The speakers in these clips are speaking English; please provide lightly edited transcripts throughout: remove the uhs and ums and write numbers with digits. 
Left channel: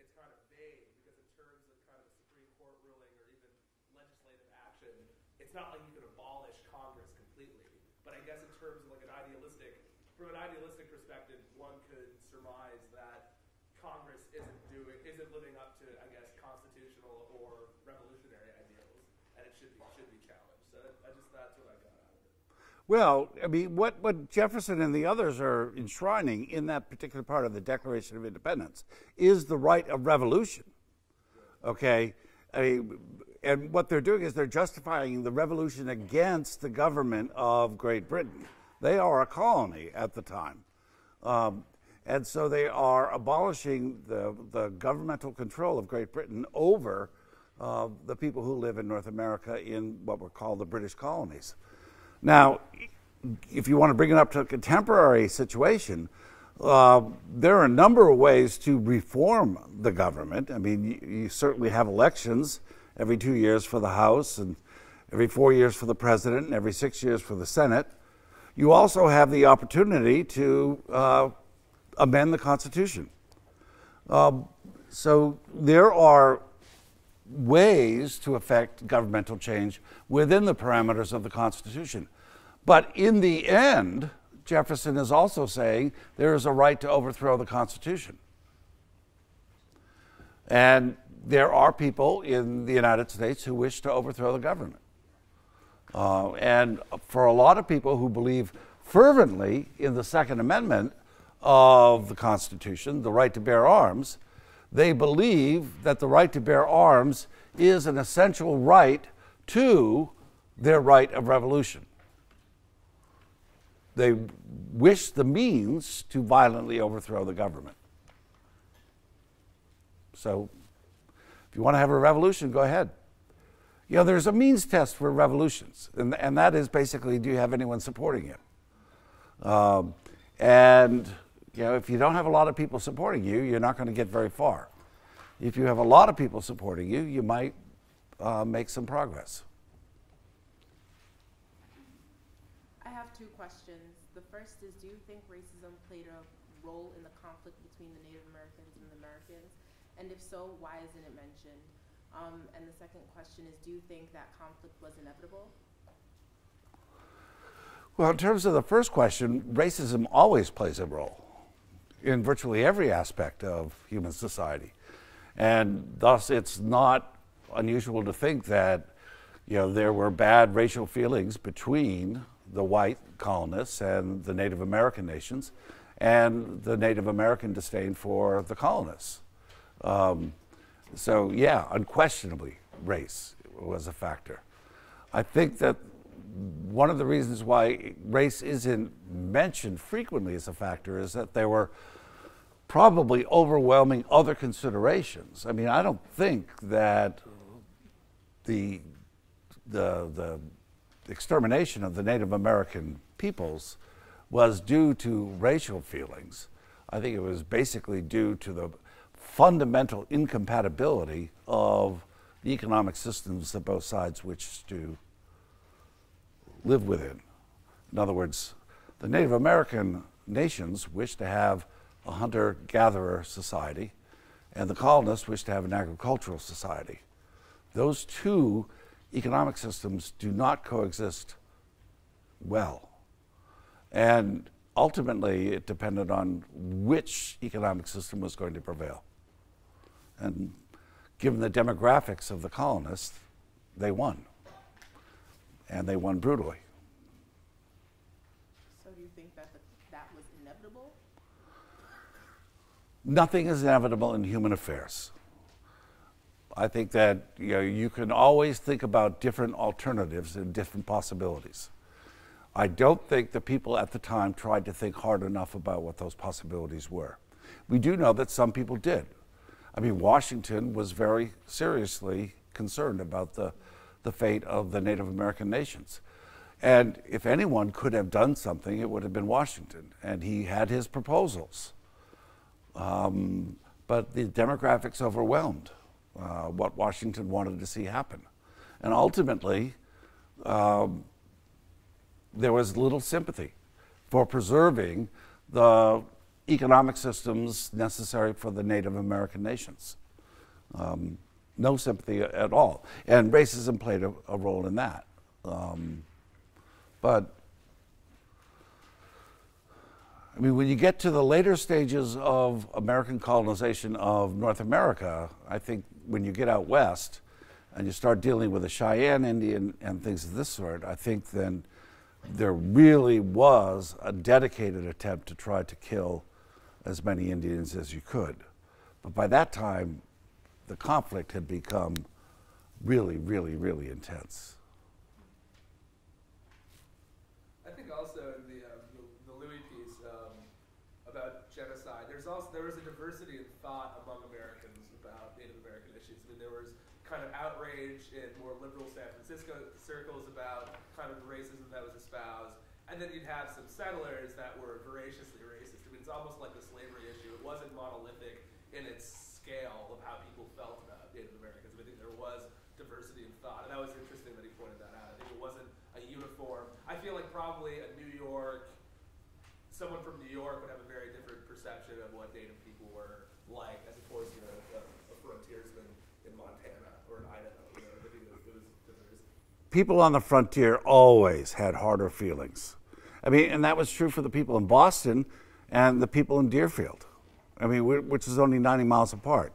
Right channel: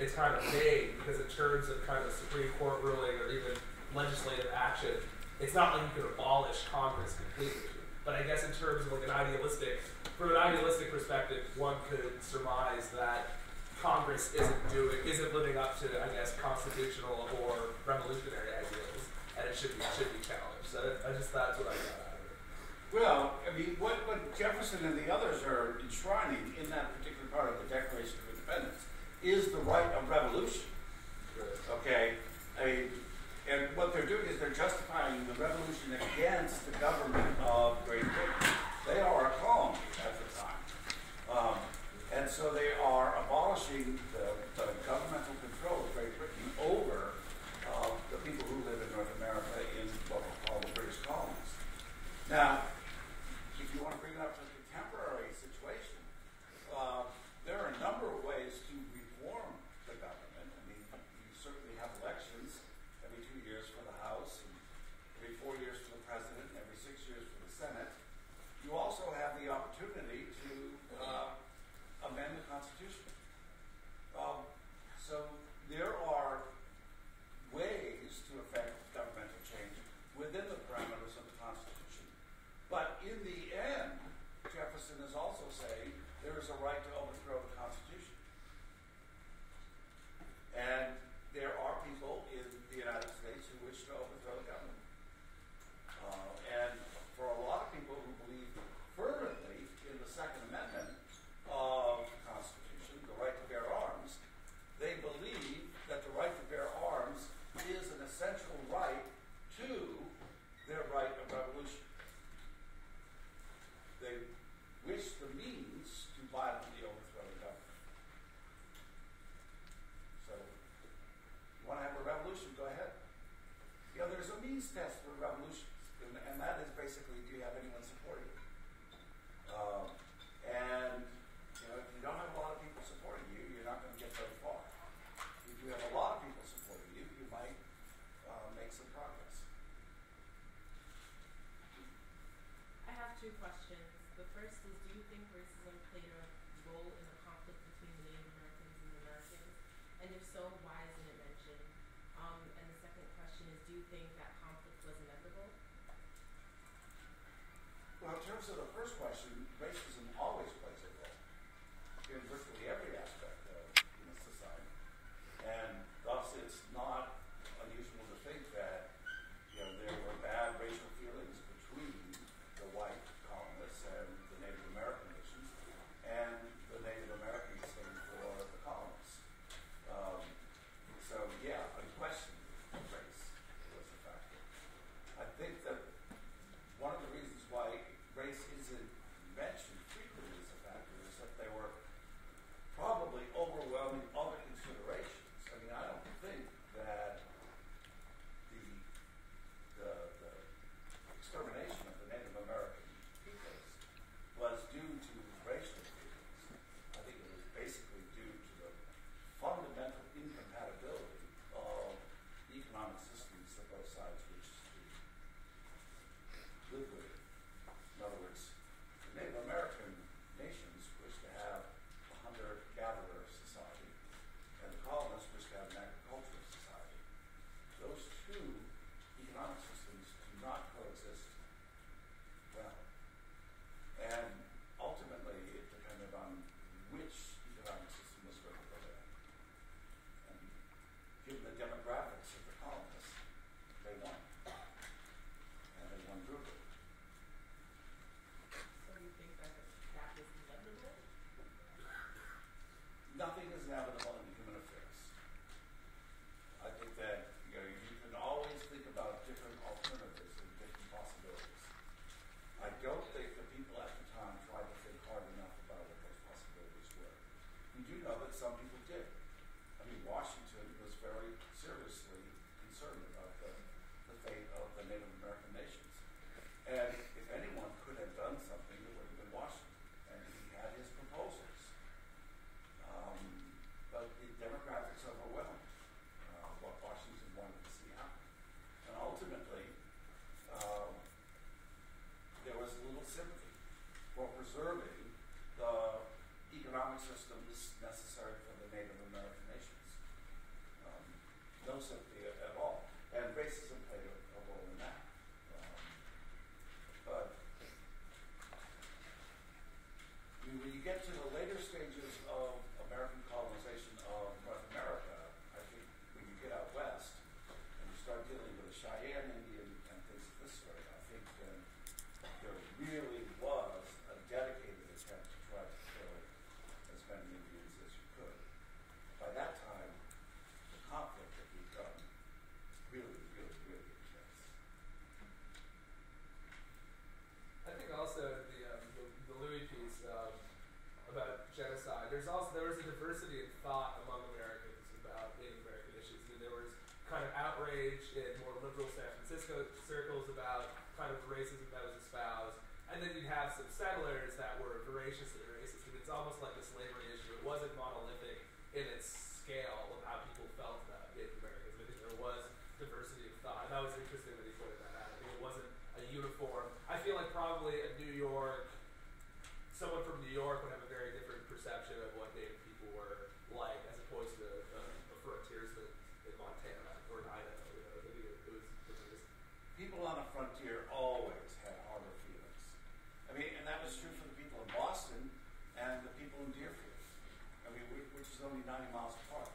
it's kind of vague because in terms of kind of Supreme Court ruling or even legislative action, it's not like you could abolish Congress completely. But I guess in terms of like from an idealistic perspective, one could surmise that Congress isn't living up to, I guess, constitutional or revolutionary ideals, and it should be challenged. So that's what I got out of it. Well, I mean, what Jefferson and the others are enshrining in that particular part of the Declaration of Independence is the right of revolution. Okay? And what they're doing is they're justifying the revolution against the government of Great Britain. They are a colony at the time. And so they are abolishing the governmental control of Great Britain over the people who live in North America in what were called the British colonies. Now, if you want to bring it up to a contemporary situation, there are a number of ways to reform the government. I mean, you certainly have elections every 2 years for the House, and every 4 years for the President, and every 6 years for the Senate. You also have the opportunity to amend the Constitution. So there are ways to affect governmental change within the parameters of the Constitution. But in the end, Jefferson is also saying there is a right to overthrow the Constitution. And there are people in the United States who wish to overthrow the government. And for a lot of people who believe fervently in the Second Amendment of the Constitution, the right to bear arms, they believe that the right to bear arms is an essential right to their right of revolution. They wish the means to violently overthrow the government. So, if you want to have a revolution, go ahead. You know, there's a means test for revolutions, and that is basically, do you have anyone supporting you? And, you know, if you don't have a lot of people supporting you, you're not going to get very far. If you have a lot of people supporting you, you might make some progress. I have two questions. The first is, do you think racism played a role in the conflict between the Native Americans and the Americans? And if so, why isn't it mentioned? And the second question is, do you think that conflict was inevitable? Well, in terms of the first question, racism always plays a role in virtually every aspect of human society. And thus, it's not unusual to think that, you know, there were bad racial feelings between the white colonists and the Native American nations, and the Native American disdain for the colonists. So yeah, unquestionably, race was a factor. I think that one of the reasons why race isn't mentioned frequently as a factor is that there were probably overwhelming other considerations. I mean, I don't think that the extermination of the Native American peoples was due to racial feelings. I think it was basically due to the fundamental incompatibility of the economic systems that both sides wished to live within. In other words, the Native American nations wished to have a hunter-gatherer society, and the colonists wished to have an agricultural society. Those two economic systems do not coexist well. And ultimately, it depended on which economic system was going to prevail. And given the demographics of the colonists, they won. And they won brutally. So do you think that that was inevitable? Nothing is inevitable in human affairs. I think that, you know, you can always think about different alternatives and different possibilities. I don't think the people at the time tried to think hard enough about what those possibilities were. We do know that some people did. I mean, Washington was very seriously concerned about the fate of the Native American nations. And if anyone could have done something, it would have been Washington. And he had his proposals. But the demographics overwhelmed what Washington wanted to see happen. And ultimately, there was little sympathy for preserving the economic systems necessary for the Native American nations. No sympathy at all. And racism played a role in that. But, I mean, when you get to the later stages of American colonization of North America, I think when you get out west and you start dealing with the Cheyenne Indian and things of this sort, I think then there really was a dedicated attempt to try to kill as many Indians as you could. But by that time, the conflict had become really, really, really intense. I think also in the Louis piece about genocide, there was a diversity of thought among Americans about Native American issues. I mean, there was kind of outrage in more liberal San Francisco circles about kind of racism that was espoused, and then you'd have some settlers that were voraciously racist. I mean, it's almost like the slavery issue. It wasn't monolithic in its scale of how people felt about Native Americans. I think there was diversity of thought, and that was interesting that he pointed that out. I think it wasn't a uniform. I feel like probably someone from New York would have a very different perception of what Native people were like as opposed to a frontiersman in Montana or in Idaho. You know, I think it was People on the frontier always had harder feelings. I mean, and that was true for the people in Boston and the people in Deerfield. I mean, which is only 90 miles apart.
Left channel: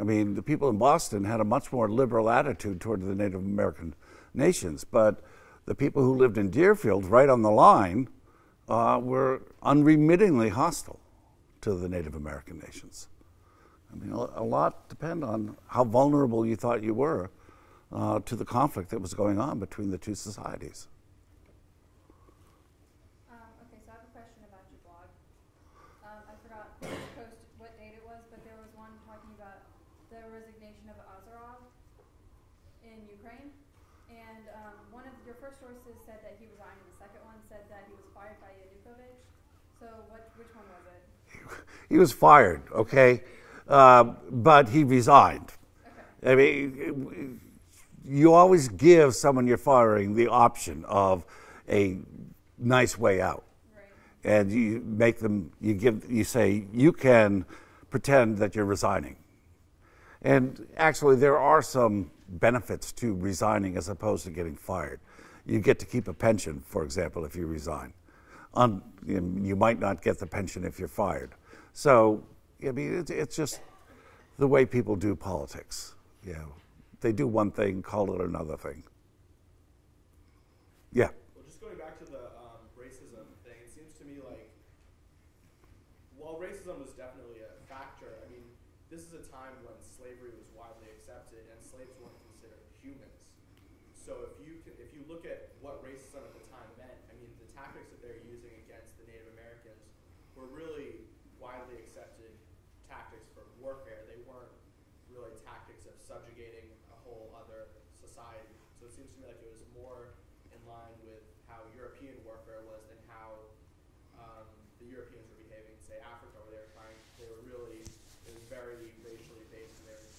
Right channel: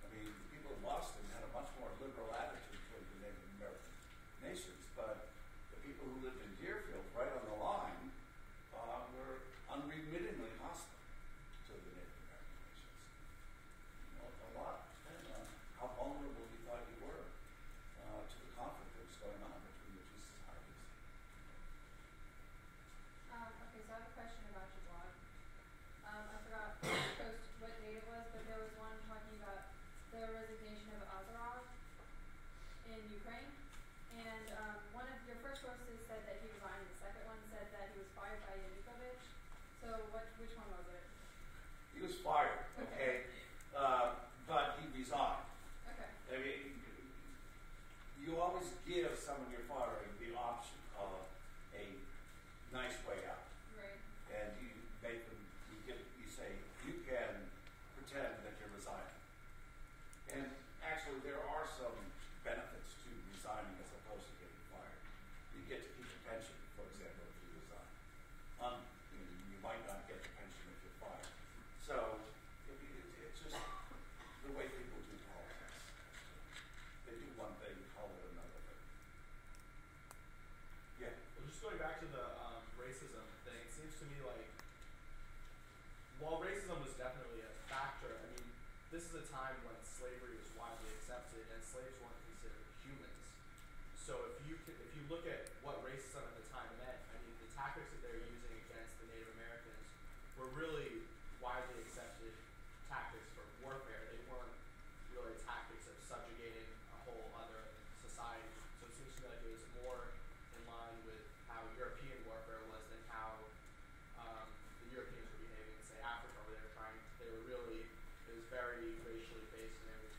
I mean, the people in Boston had a much more liberal attitude toward the Native American nations, but the people who lived in Deerfield, right on the line, were unremittingly hostile to the Native American nations. I mean, a lot depend on how vulnerable you thought you were to the conflict that was going on between the two societies. Okay, so I have a question about your blog. I forgot what date it was, but there was one talking about the resignation of Azarov in Ukraine. And one of your first sources said that he resigned, and the second one said that he was fired by Yanukovych. So which one was it? He was fired, okay? But he resigned. Okay. I mean, you always give someone you're firing the option of a nice way out. Right. And you make them, you say, you can pretend that you're resigning. And actually, there are some benefits to resigning as opposed to getting fired. You get to keep a pension, for example, if you resign. You might not get the pension if you're fired. So, I mean, it's just the way people do politics. You know, they do one thing, call it another thing. Yeah. Well, just going back to the racism thing, it seems to me like, while racism was definitely a factor, I mean, this is a time when slavery was widely accepted and slaves weren't considered humans. So if you look at what racism at the time meant, I mean, the tactics that they were using against the Native Americans were really widely accepted tactics for warfare. They weren't really tactics of subjugating a whole other society. So it seems to me like it was more in line with how European warfare was than how the Europeans were behaving in, say, Africa, where it was very racially based, and they were,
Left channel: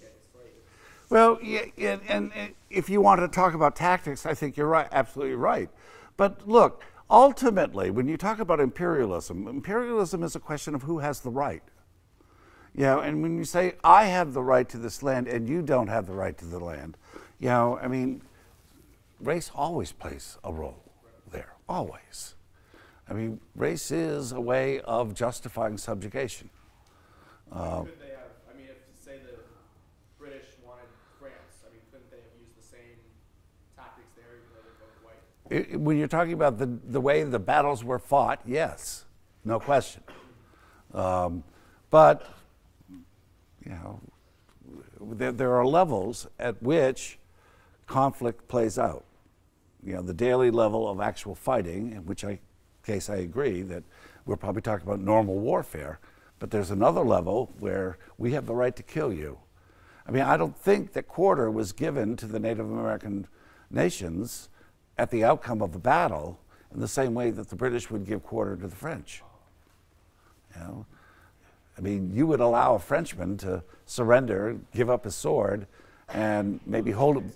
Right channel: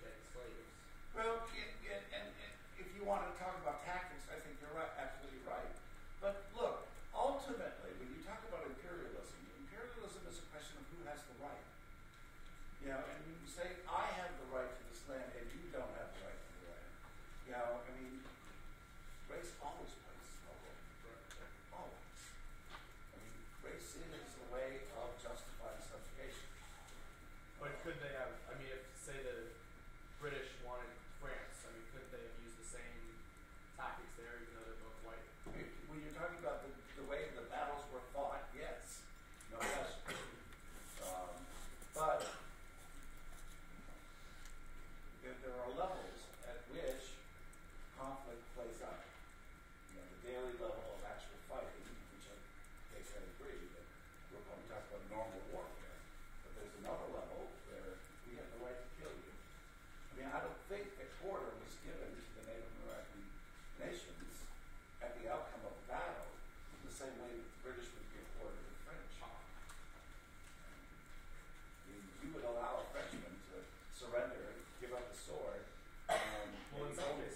getting slaves. Well, yeah, and if you want to talk about tactics, I think you're right, absolutely right. But look, ultimately, when you talk about imperialism is a question of who has the right. You know, and when you say, I have the right to this land and you don't have the right to the land, you know, I mean, race always plays a role there, always. I mean, race is a way of justifying subjugation. Could they have, I mean, if say the British wanted France, I mean, couldn't they have used the same tactics there, even though they're both white? When you're talking about the way the battles were fought, yes, no question. But, you know, there are levels at which conflict plays out. You know, the daily level of actual fighting, in which case I agree that we're probably talking about normal warfare, but there's another level where we have the right to kill you. I mean, I don't think that quarter was given to the Native American nations at the outcome of the battle in the same way that the British would give quarter to the French. You know? I mean, you would allow a Frenchman to surrender, give up his sword, and maybe hold him.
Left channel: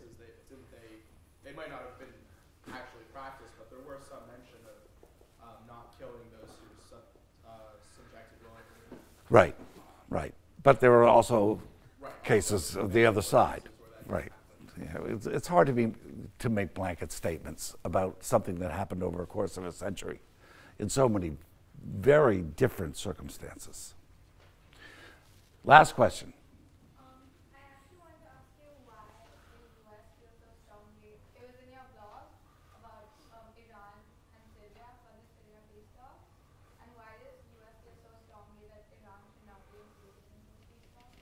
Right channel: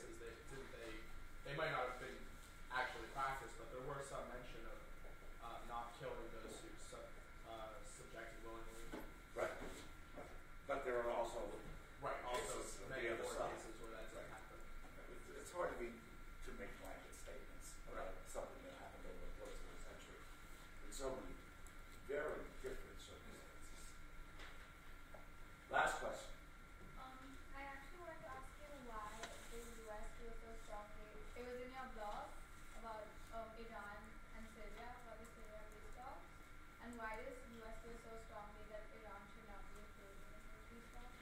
They might not have been actually practiced, but there were some mention of not killing those who Right, right. But there are also Right. cases of the other side. Right. Yeah, it's hard to make blanket statements about something that happened over a course of a century in so many very different circumstances. Last question. I actually wanted to ask you why the US feels so strongly. It was in your blog about Iran and Syria, about the Syria peace talks, and why does US feel so strongly that Iran should not be included in those peace talks?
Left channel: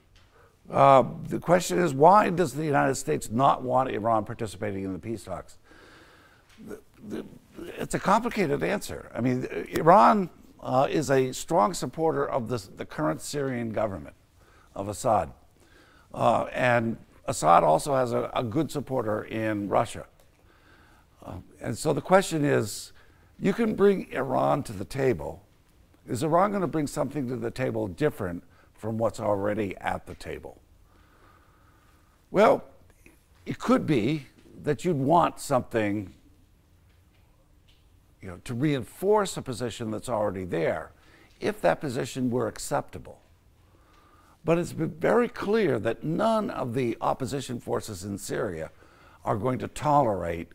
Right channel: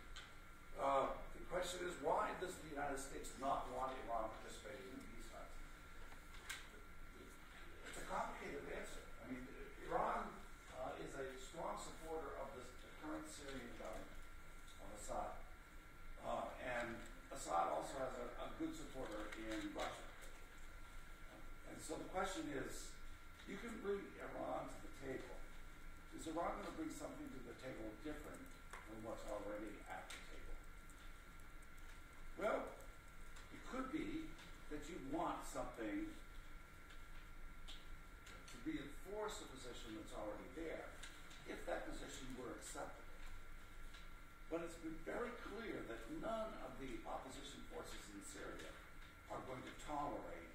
The question is, why does the United States not want Iran participating in the peace talks? It's a complicated answer. I mean, Iran is a strong supporter of the current Syrian government of Assad. And Assad also has a good supporter in Russia. And so the question is, you can bring Iran to the table. Is Iran going to bring something to the table different from what's already at the table? Well, it could be that you'd want something, to reinforce a position that's already there, if that position were acceptable. But it's been very clear that none of the opposition forces in Syria are going to tolerate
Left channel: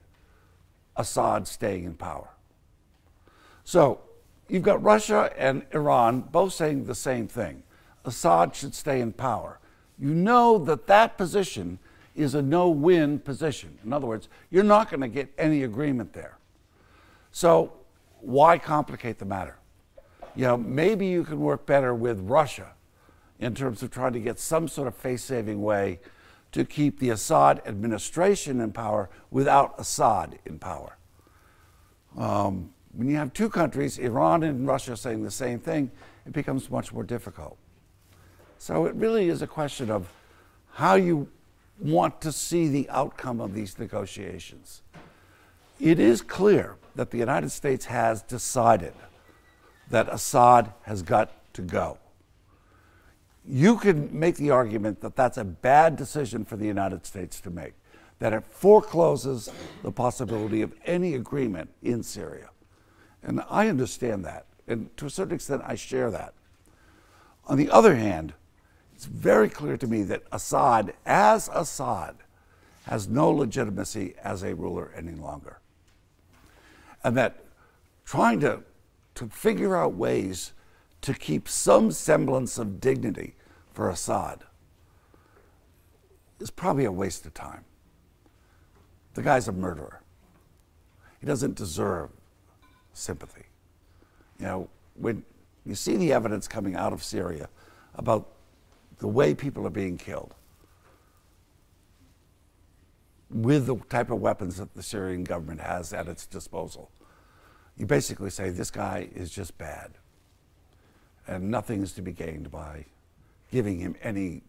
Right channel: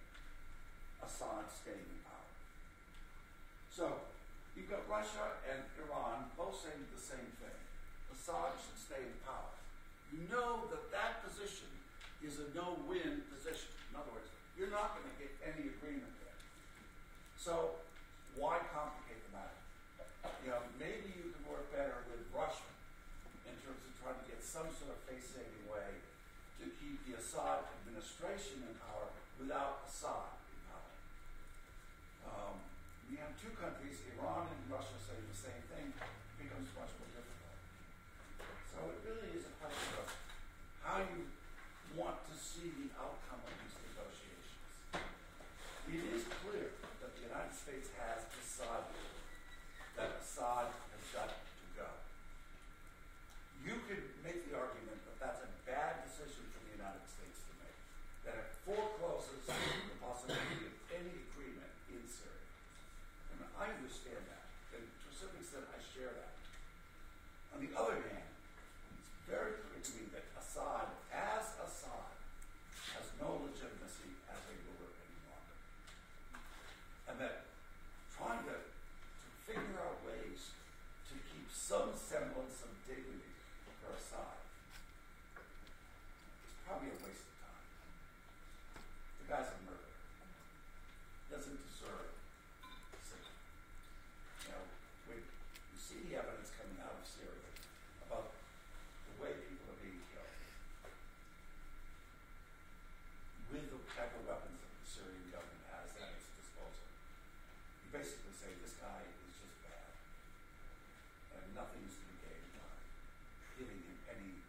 Assad staying in power. So you've got Russia and Iran both saying the same thing. Assad should stay in power. You know that that position is a no-win position. In other words, you're not going to get any agreement there. So why complicate the matter? Maybe you can work better with Russia in terms of trying to get some sort of face-saving way to keep the Assad administration in power without Assad in power. When you have two countries, Iran and Russia, saying the same thing, it becomes much more difficult. So it really is a question of how you want to see the outcome of these negotiations. It is clear that the United States has decided that Assad has got to go. You can make the argument that that's a bad decision for the United States to make, that it forecloses the possibility of any agreement in Syria. And I understand that, and to a certain extent I share that. On the other hand, it's very clear to me that Assad, as Assad, has no legitimacy as a ruler any longer. And that trying to figure out ways to keep some semblance of dignity for Assad is probably a waste of time. The guy's a murderer. He doesn't deserve sympathy. When you see the evidence coming out of Syria about the way people are being killed with the type of weapons that the Syrian government has at its disposal, you basically say this guy is just bad and nothing is to be gained by giving him any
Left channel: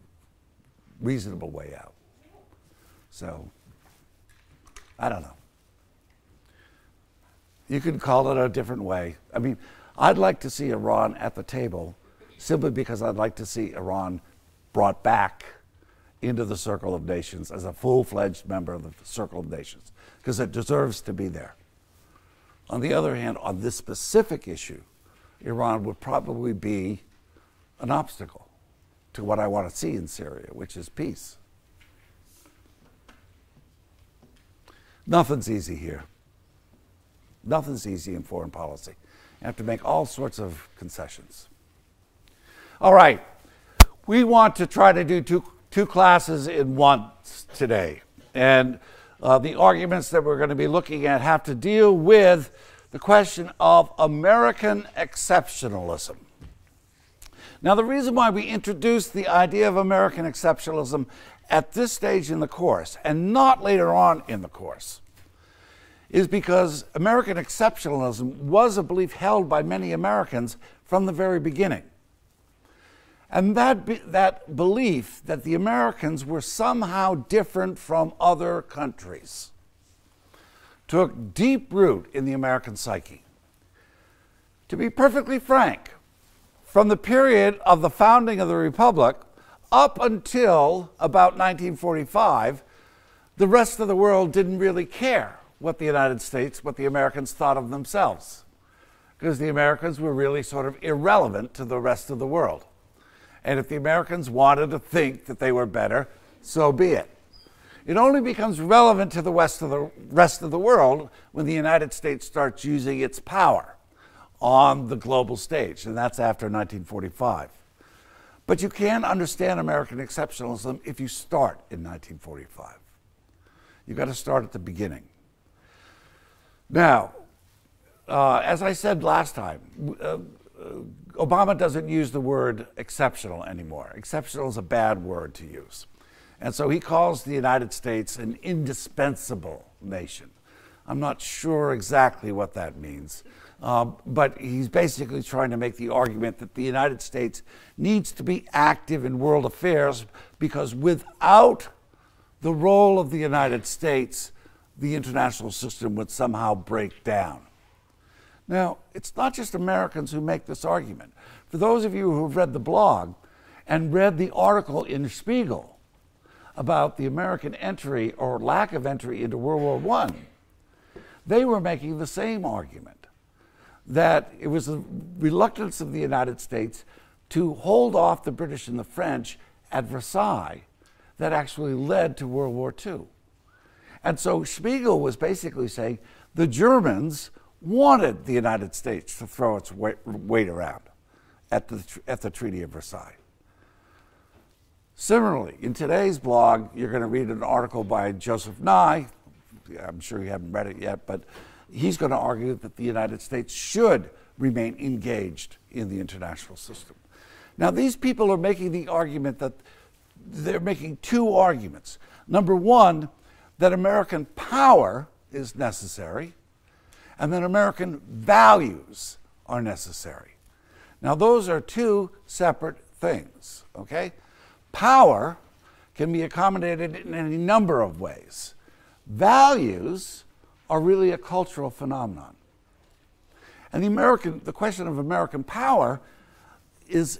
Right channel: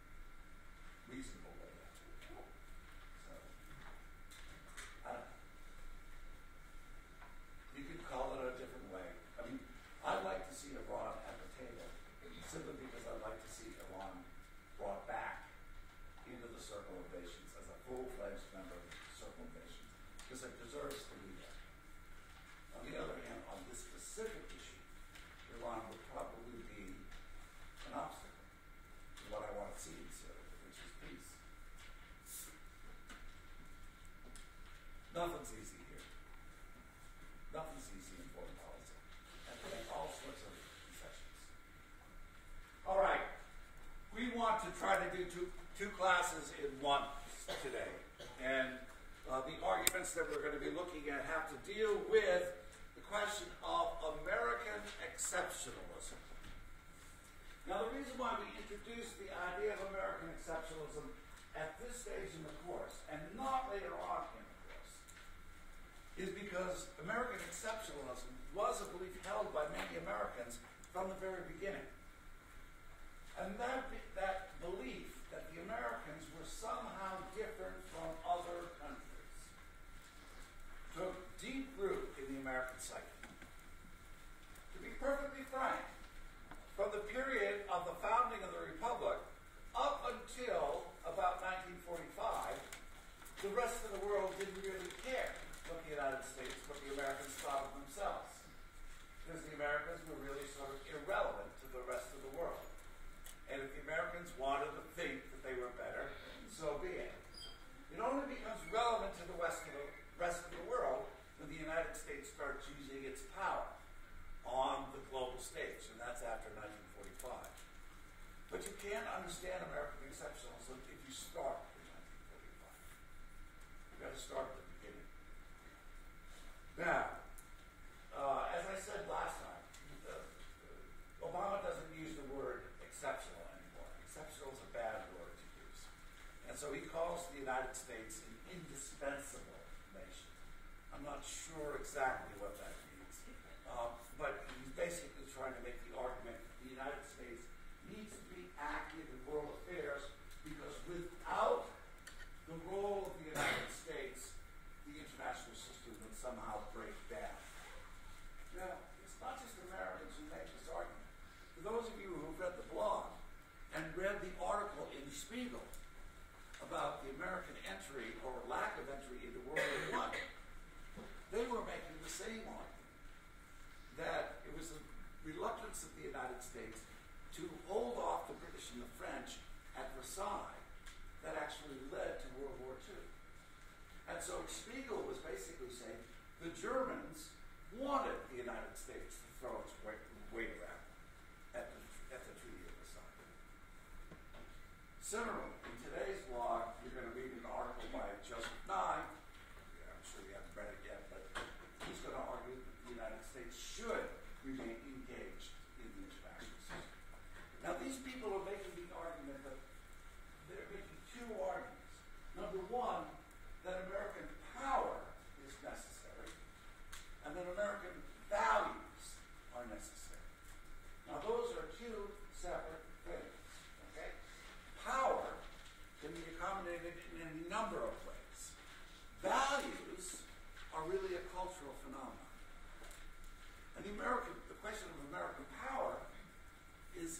reasonable way out. So, I don't know. You can call it a different way. I mean, I'd like to see Iran at the table simply because I'd like to see Iran brought back into the Circle of Nations as a full-fledged member of the Circle of Nations, because it deserves to be there. On the other hand, on this specific issue, Iran would probably be an obstacle to what I want to see in Syria, which is peace. Nothing's easy here. Nothing's easy in foreign policy. You have to make all sorts of concessions. All right. We want to try to do two classes in one today. And the arguments that we're going to be looking at have to deal with the question of American exceptionalism. Now, the reason why we introduced the idea of American exceptionalism at this stage in the course and not later on in the course is because American exceptionalism was a belief held by many Americans from the very beginning. And that belief that the Americans were somehow different from other countries took deep root in the American psyche. To be perfectly frank, from the period of the founding of the Republic up until about 1945, the rest of the world didn't really care what the United States, what the Americans thought of themselves, because the Americans were really sort of irrelevant to the rest of the world. And if the Americans wanted to think that they were better, so be it. It only becomes relevant to the rest of the world when the United States starts using its power on the global stage, and that's after 1945. But you can't understand American exceptionalism if you start in 1945. You've got to start at the beginning. Now, as I said last time, Obama doesn't use the word exceptional anymore. Exceptional is a bad word to use. And so he calls the United States an indispensable nation. I'm not sure exactly what that means, but he's basically trying to make the argument that the United States needs to be active in world affairs because without the role of the United States, the international system would somehow break down. Now, it's not just Americans who make this argument. For those of you who have read the blog and read the article in Spiegel about the American entry or lack of entry into World War I, they were making the same argument, that it was the reluctance of the United States to hold off the British and the French at Versailles that actually led to World War II. And so Spiegel was basically saying the Germans wanted the United States to throw its weight around at the Treaty of Versailles. Similarly, in today's blog, you're going to read an article by Joseph Nye. I'm sure you haven't read it yet, but he's going to argue that the United States should remain engaged in the international system. Now, these people are making the argument that they're making two arguments. Number one, that American power is necessary, and that American values are necessary. Now, those are two separate things, okay? Power can be accommodated in any number of ways. Values are really a cultural phenomenon. And the question of American power is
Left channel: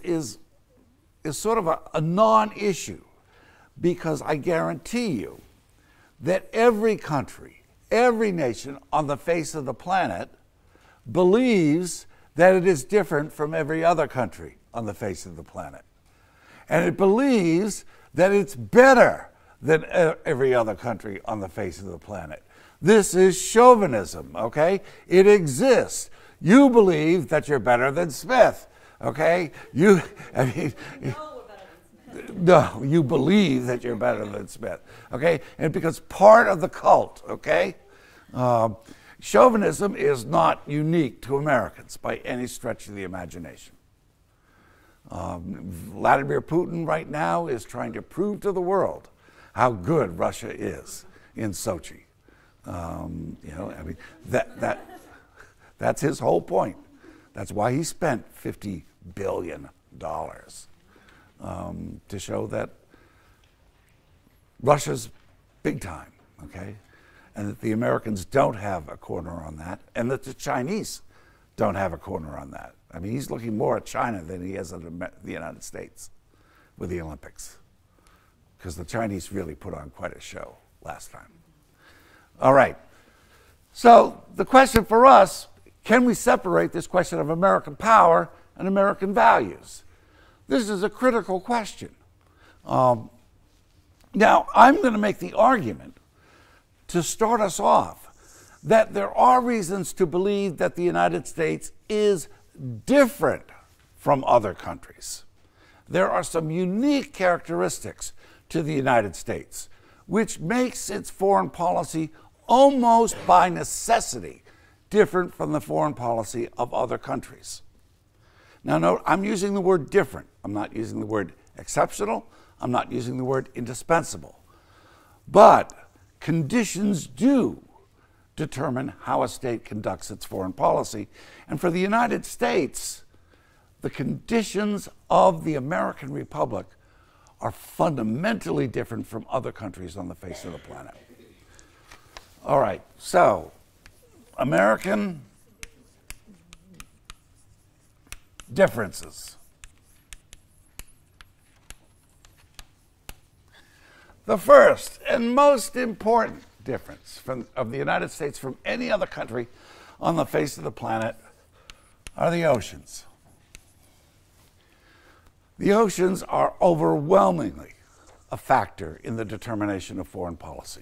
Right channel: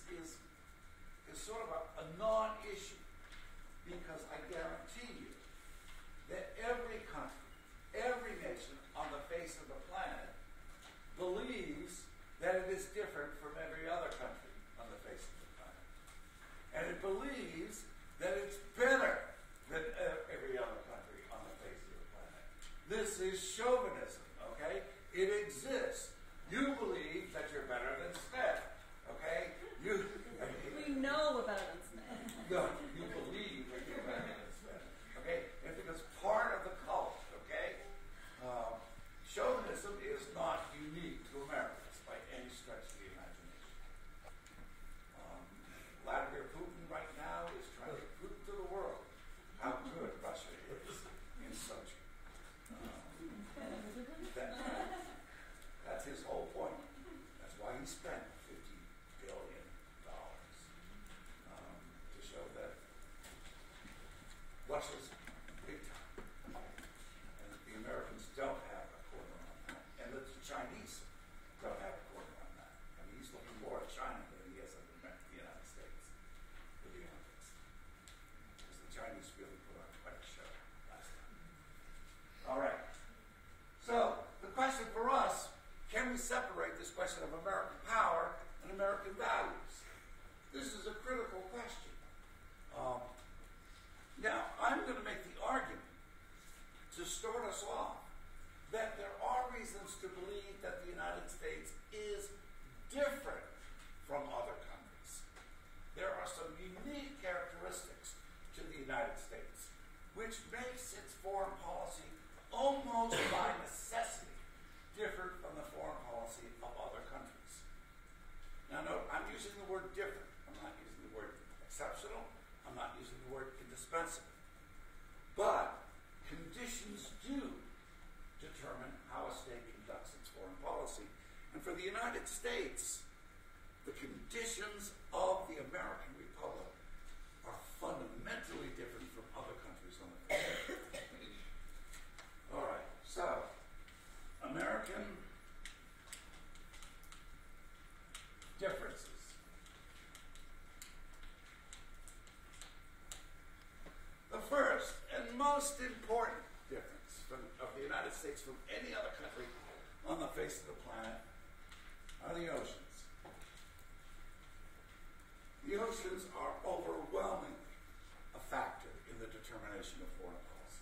sort of a non-issue, because I guarantee you that every country, every nation on the face of the planet believes that it is different from every other country on the face of the planet. And it believes that it's better than every other country on the face of the planet. This is chauvinism, okay? It exists. You believe that you're better than Smith, okay? We know we're better than Smith. No, you believe that you're better than Smith, okay? And it becomes part of the cult, okay? Chauvinism is not unique to Americans by any stretch of the imagination. Vladimir Putin right now is trying to prove to the world how good Russia is in Sochi. That's his whole point. That's why he spent $50 billion to show that Russia's big time, okay? And that the Americans don't have a corner on that, and that the Chinese don't have a corner on that. I mean, he's looking more at China than he is at the United States with the Olympics, because the Chinese really put on quite a show last time. All right. So the question for us, can we separate this question of American power and American values? This is a critical question. Now, I'm going to make the argument to start us off that there are reasons to believe that the United States is different from other countries. There are some unique characteristics to the United States, which makes its foreign policy almost by necessity different from the foreign policy of other countries. Now, note, I'm using the word different. I'm not using the word exceptional. I'm not using the word indispensable. But conditions do determine how a state conducts its foreign policy. And for the United States, the conditions of the American Republic are fundamentally different from other countries on the face of the planet. All right, so American differences. The first and most important difference of the United States from any other country on the face of the planet are the oceans. The oceans are overwhelmingly a factor in the determination of foreign policy.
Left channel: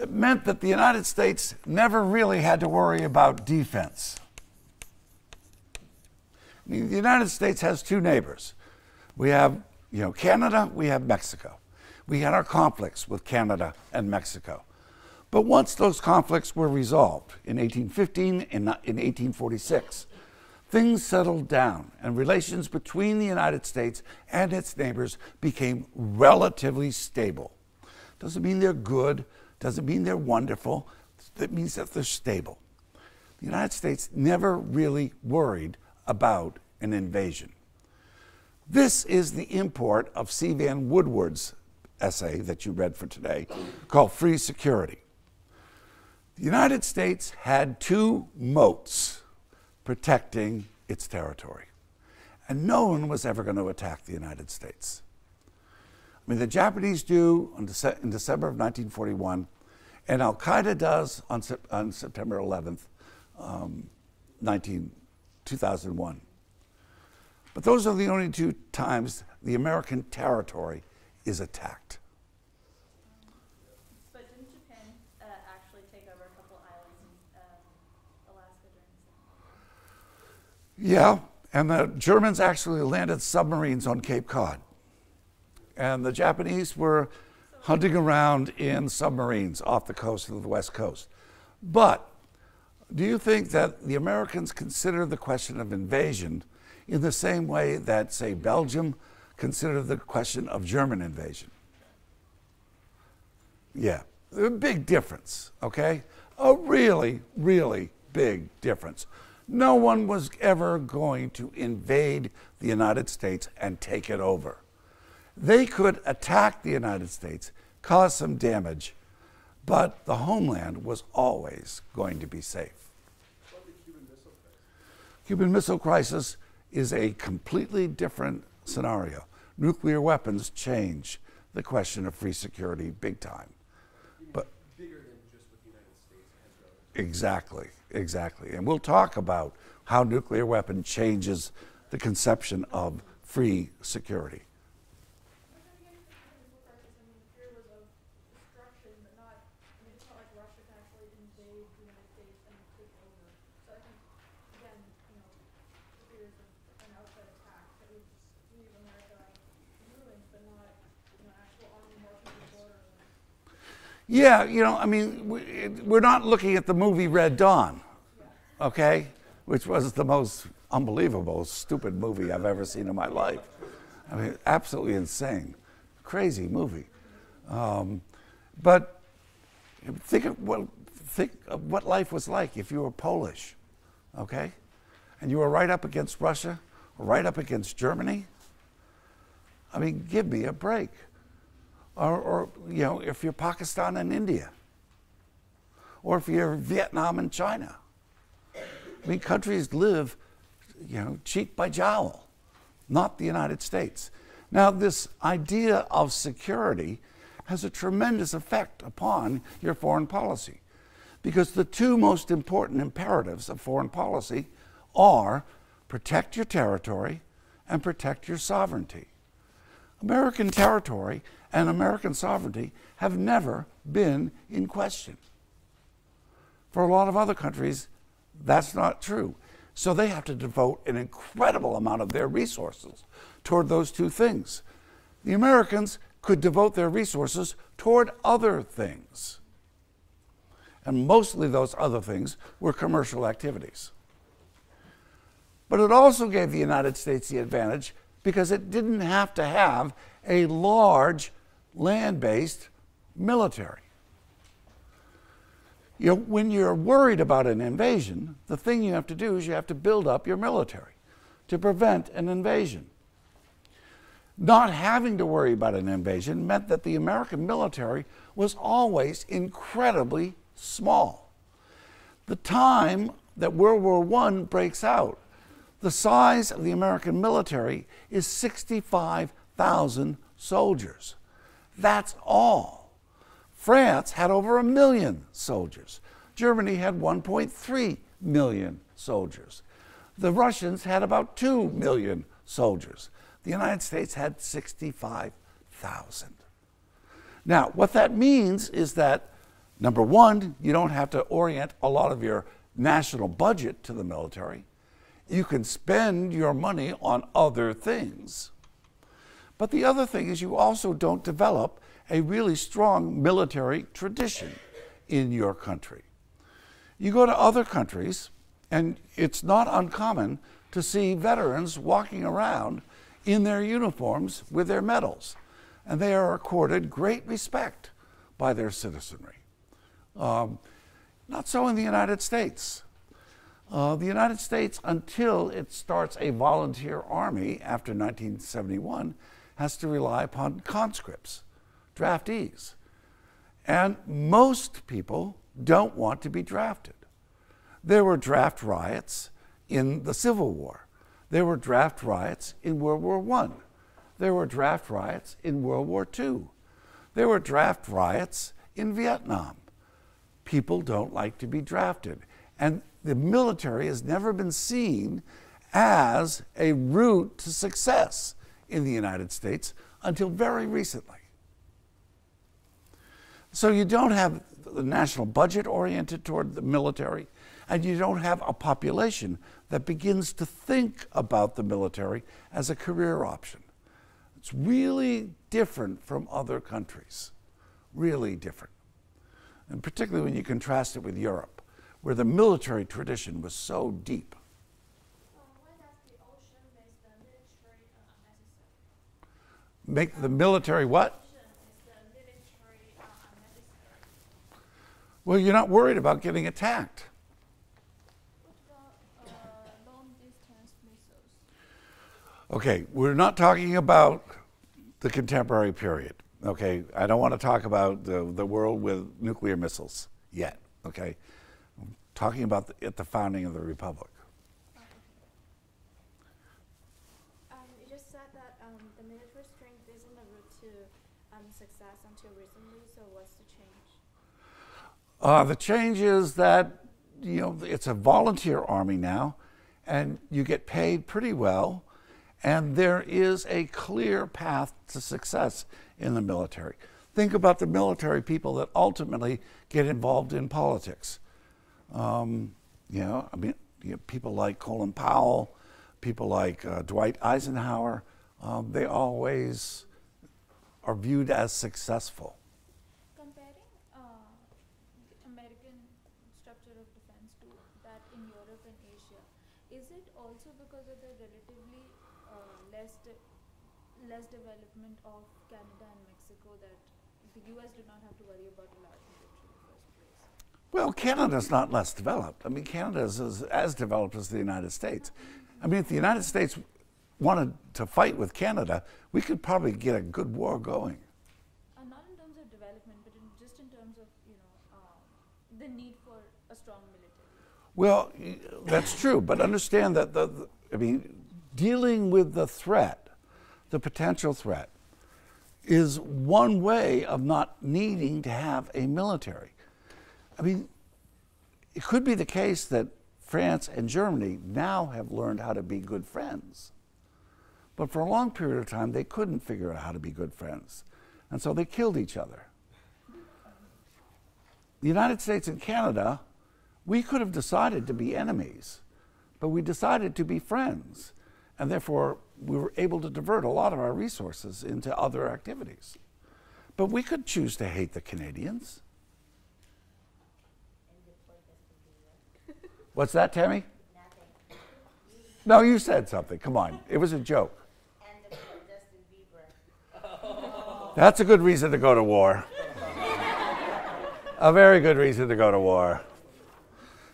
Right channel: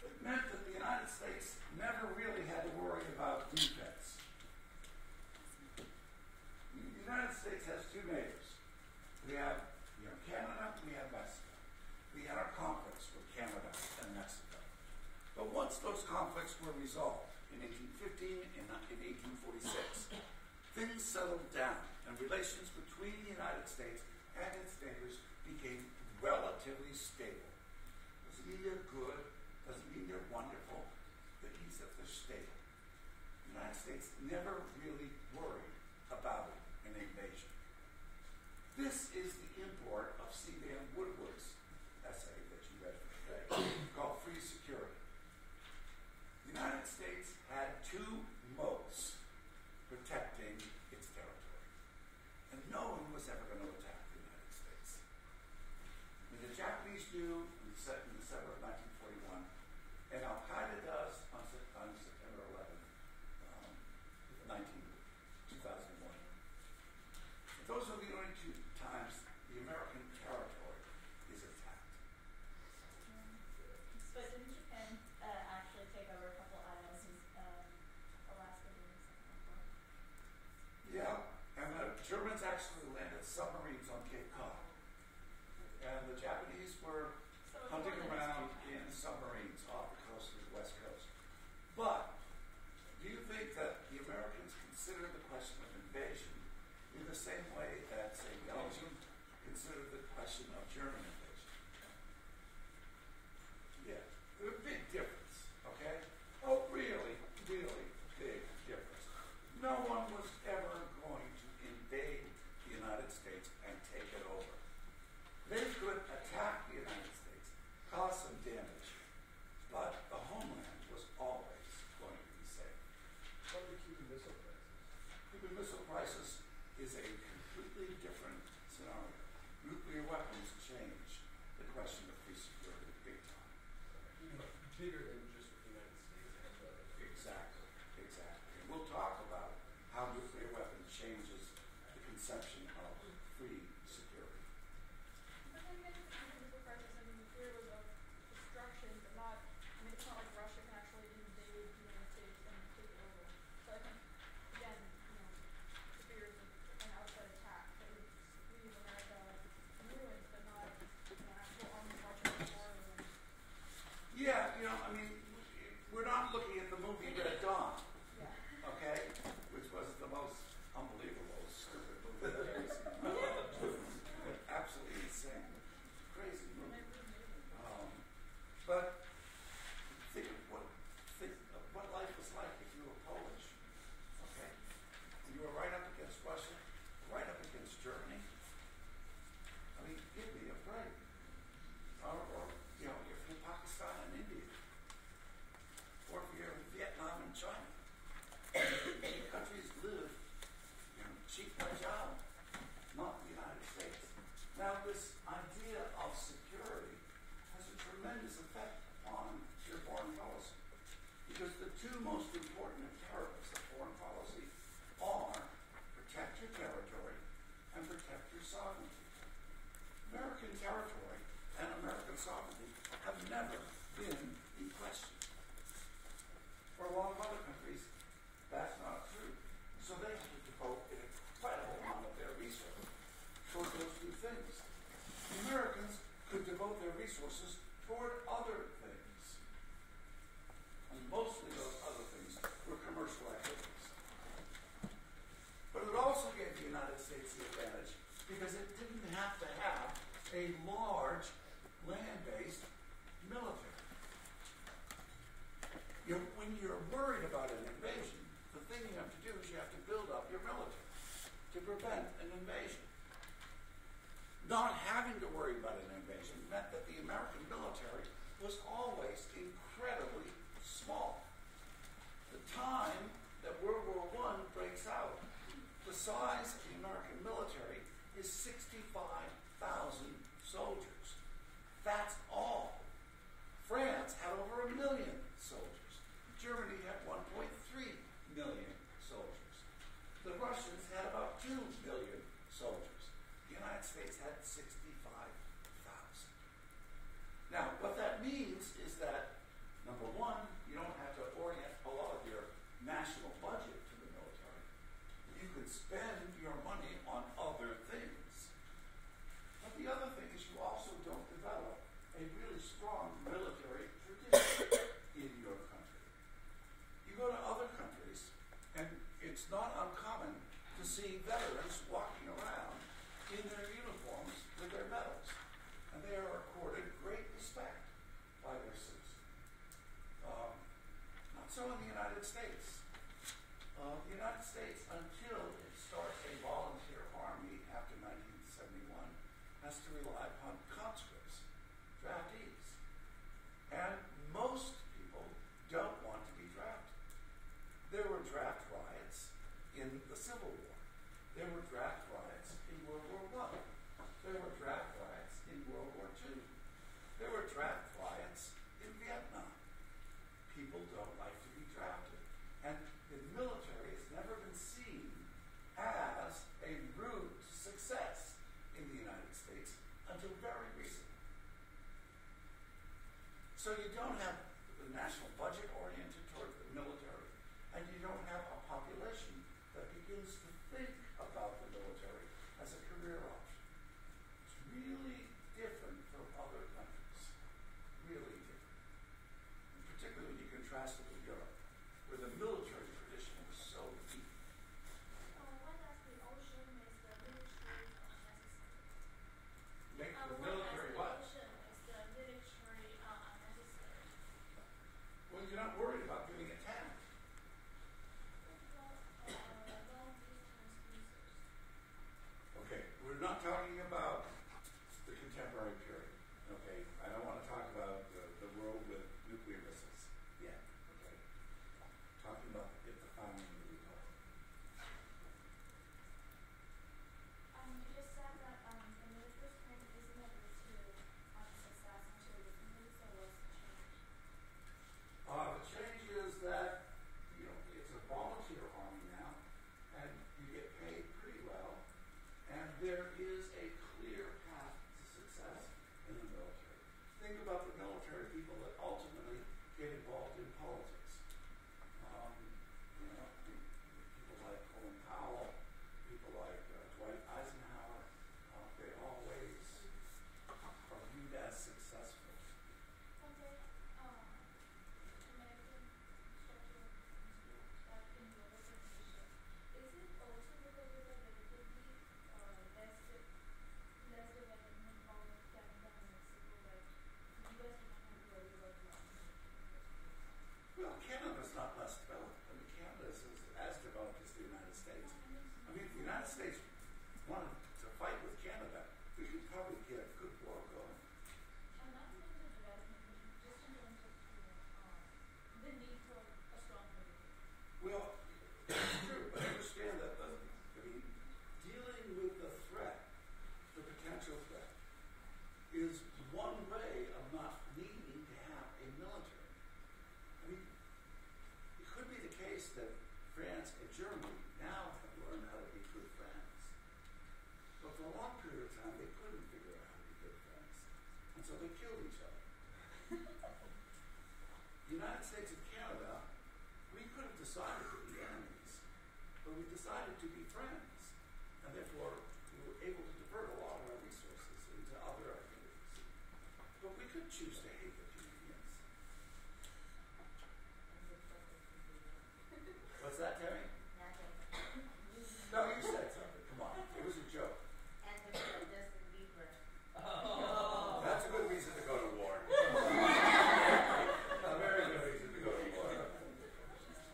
It meant that the United States never really had to worry about defense. I mean, the United States has two neighbors. We have, Canada, we have Mexico. We had our conflicts with Canada and Mexico. But once those conflicts were resolved in 1815 and in 1846, things settled down and relations between the United States and its neighbors became relatively stable. Doesn't mean they're good, doesn't mean they're wonderful, it means that they're stable. The United States never really worried about an invasion. This is the import of C. Vann Woodward's essay that you read for today called Free Security. The United States had two moats protecting its territory, and no one was ever going to attack the United States. I mean, the Japanese do in December of 1941, and Al-Qaeda does on September 11th, 2001. But those are the only two times the American territory is attacked. But didn't Japan actually take over a couple islands in Alaska? Yeah, and the Germans actually landed submarines on Cape Cod. And the Japanese were hunting around in submarines off the coast of the West Coast. But do you think that the Americans considered the question of invasion in the same way that, say, Belgium considered the question of German invasion? Yeah, a big difference, okay? A really, really big difference. No one was ever going to invade the United States and take it over. They could attack the United States, cause some damage, but the homeland was always going to be safe. Cuban Missile Crisis is a completely different scenario. Nuclear weapons change the question of free security big time. But bigger than just the United States. Exactly. And we'll talk about how nuclear weapon changes the conception of free security. Yeah, we're not looking at the movie Red Dawn, okay? Which was the most unbelievable, stupid movie I've ever seen in my life. I mean, absolutely insane. Crazy movie. But think of what life was like if you were Polish, okay? And you were right up against Russia, or right up against Germany. I mean, give me a break. Or if you're Pakistan and India, or if you're Vietnam and China. I mean, countries live, cheek by jowl, not the United States. Now, this idea of security has a tremendous effect upon your foreign policy, because the two most important imperatives of foreign policy are protect your territory and protect your sovereignty. American territory and American sovereignty have never been in question. For a lot of other countries, that's not true. So they have to devote an incredible amount of their resources toward those two things. The Americans could devote their resources toward other things. And mostly those other things were commercial activities. But it also gave the United States the advantage because it didn't have to have a large land-based military. When you're worried about an invasion, the thing you have to do is you have to build up your military to prevent an invasion. Not having to worry about an invasion meant that the American military was always incredibly small. The time that World War I breaks out, the size of the American military is 65,000 soldiers. That's all. France had over 1 million soldiers. Germany had 1.3 million soldiers. The Russians had about 2 million soldiers. The United States had 65,000. Now, what that means is that, number one, you don't have to orient a lot of your national budget to the military. You can spend your money on other things. But the other thing is you also don't develop a really strong military tradition in your country. You go to other countries, and it's not uncommon to see veterans walking around in their uniforms with their medals, and they are accorded great respect by their citizenry. Not so in the United States. The United States, until it starts a volunteer army after 1971, has to rely upon conscripts, draftees. And most people don't want to be drafted. There were draft riots in the Civil War. There were draft riots in World War I. There were draft riots in World War II. There were draft riots in Vietnam. People don't like to be drafted. And the military has never been seen as a route to success in the United States until very recently. So you don't have the national budget oriented toward the military, and you don't have a population that begins to think about the military as a career option. It's really different from other countries, really different. And particularly when you contrast it with Europe, where the military tradition was so deep. Make the military what? Well, you're not worried about getting attacked. Okay, we're not talking about the contemporary period. Okay, I don't want to talk about the world with nuclear missiles yet. Okay, I'm talking about at the founding of the republic. You just said that the military strength isn't the route to success until recently. So what's the change? The change is that it's a volunteer army now, and you get paid pretty well, and there is a clear path to success in the military. Think about the military people that ultimately get involved in politics. People like Colin Powell, people like Dwight Eisenhower, they always are viewed as successful. Comparing American structure of defense to that in Europe and Asia, is it also because of the relatively less development of Canada and Mexico that the US did not have to worry about a lot in the first place? Well, Canada's not less developed. I mean, Canada is as developed as the United States. I mean, if the United States wanted to fight with Canada, we could probably get a good war going. Not in terms of development, but just in terms of the need for a strong military. Well, that's true, but understand that dealing with the threat, the potential threat, is one way of not needing to have a military. I mean, it could be the case that France and Germany now have learned how to be good friends. But for a long period of time, they couldn't figure out how to be good friends. And so they killed each other. The United States and Canada, we could have decided to be enemies, but we decided to be friends. And therefore, we were able to divert a lot of our resources into other activities. But we could choose to hate the Canadians. What's that, Tammy? No, you said something. Come on. It was a joke. That's a good reason to go to war. A very good reason to go to war.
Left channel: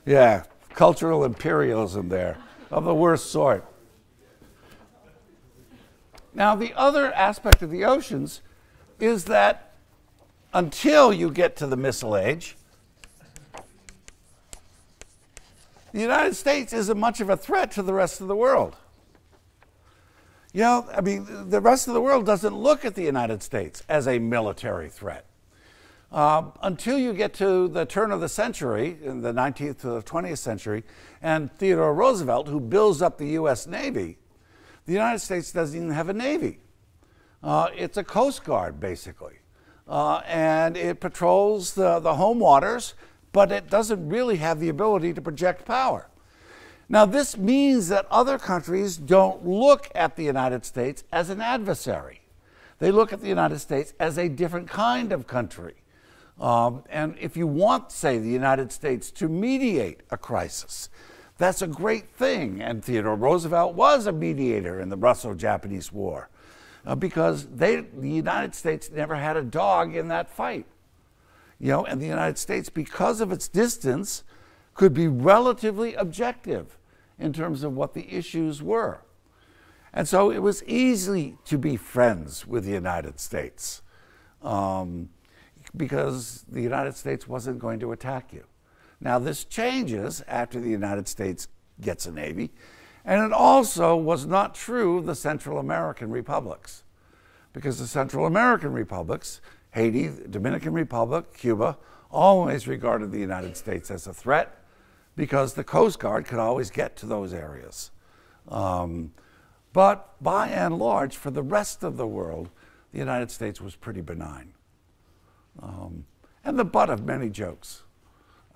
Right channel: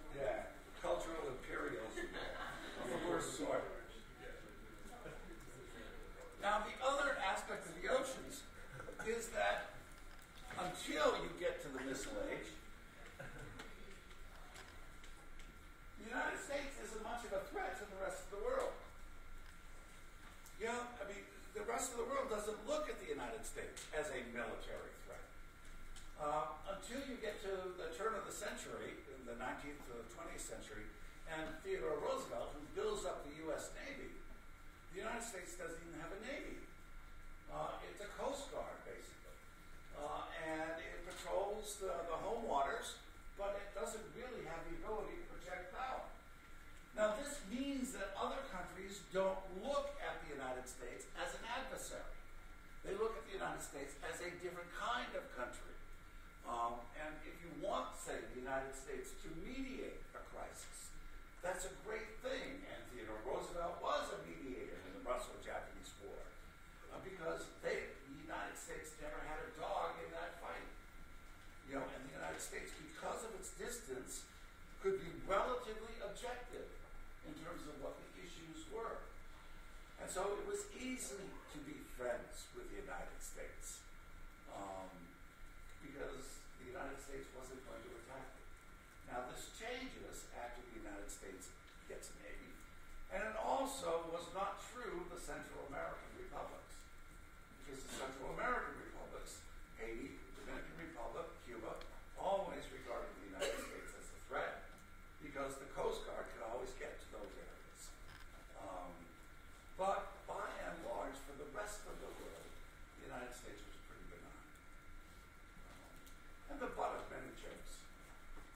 Yeah, cultural imperialism there, of the worst sort. Now, the other aspect of the oceans is that until you get to the Missile Age, the United States isn't much of a threat to the rest of the world. The rest of the world doesn't look at the United States as a military threat. Until you get to the turn of the century, in the 19th to the 20th century, and Theodore Roosevelt, who builds up the U.S. Navy, The United States doesn't even have a Navy. It's a Coast Guard, basically. And it patrols the home waters, but it doesn't really have the ability to project power. Now, this means that other countries don't look at the United States as an adversary. They look at the United States as a different kind of country. And if you want, say, the United States to mediate a crisis, that's a great thing. And Theodore Roosevelt was a mediator in the Russo-Japanese War because the United States never had a dog in that fight. You know, and the United States, because of its distance, could be relatively objective in terms of what the issues were. And so it was easy to be friends with the United States because the United States wasn't going to attack you. Now, this changes after the United States gets a Navy, and it also was not true of the Central American republics, because the Central American republics, Haiti, Dominican Republic, Cuba, always regarded the United States as a threat because the Coast Guard could always get to those areas. But by and large, for the rest of the world, the United States was pretty benign and the butt of many jokes.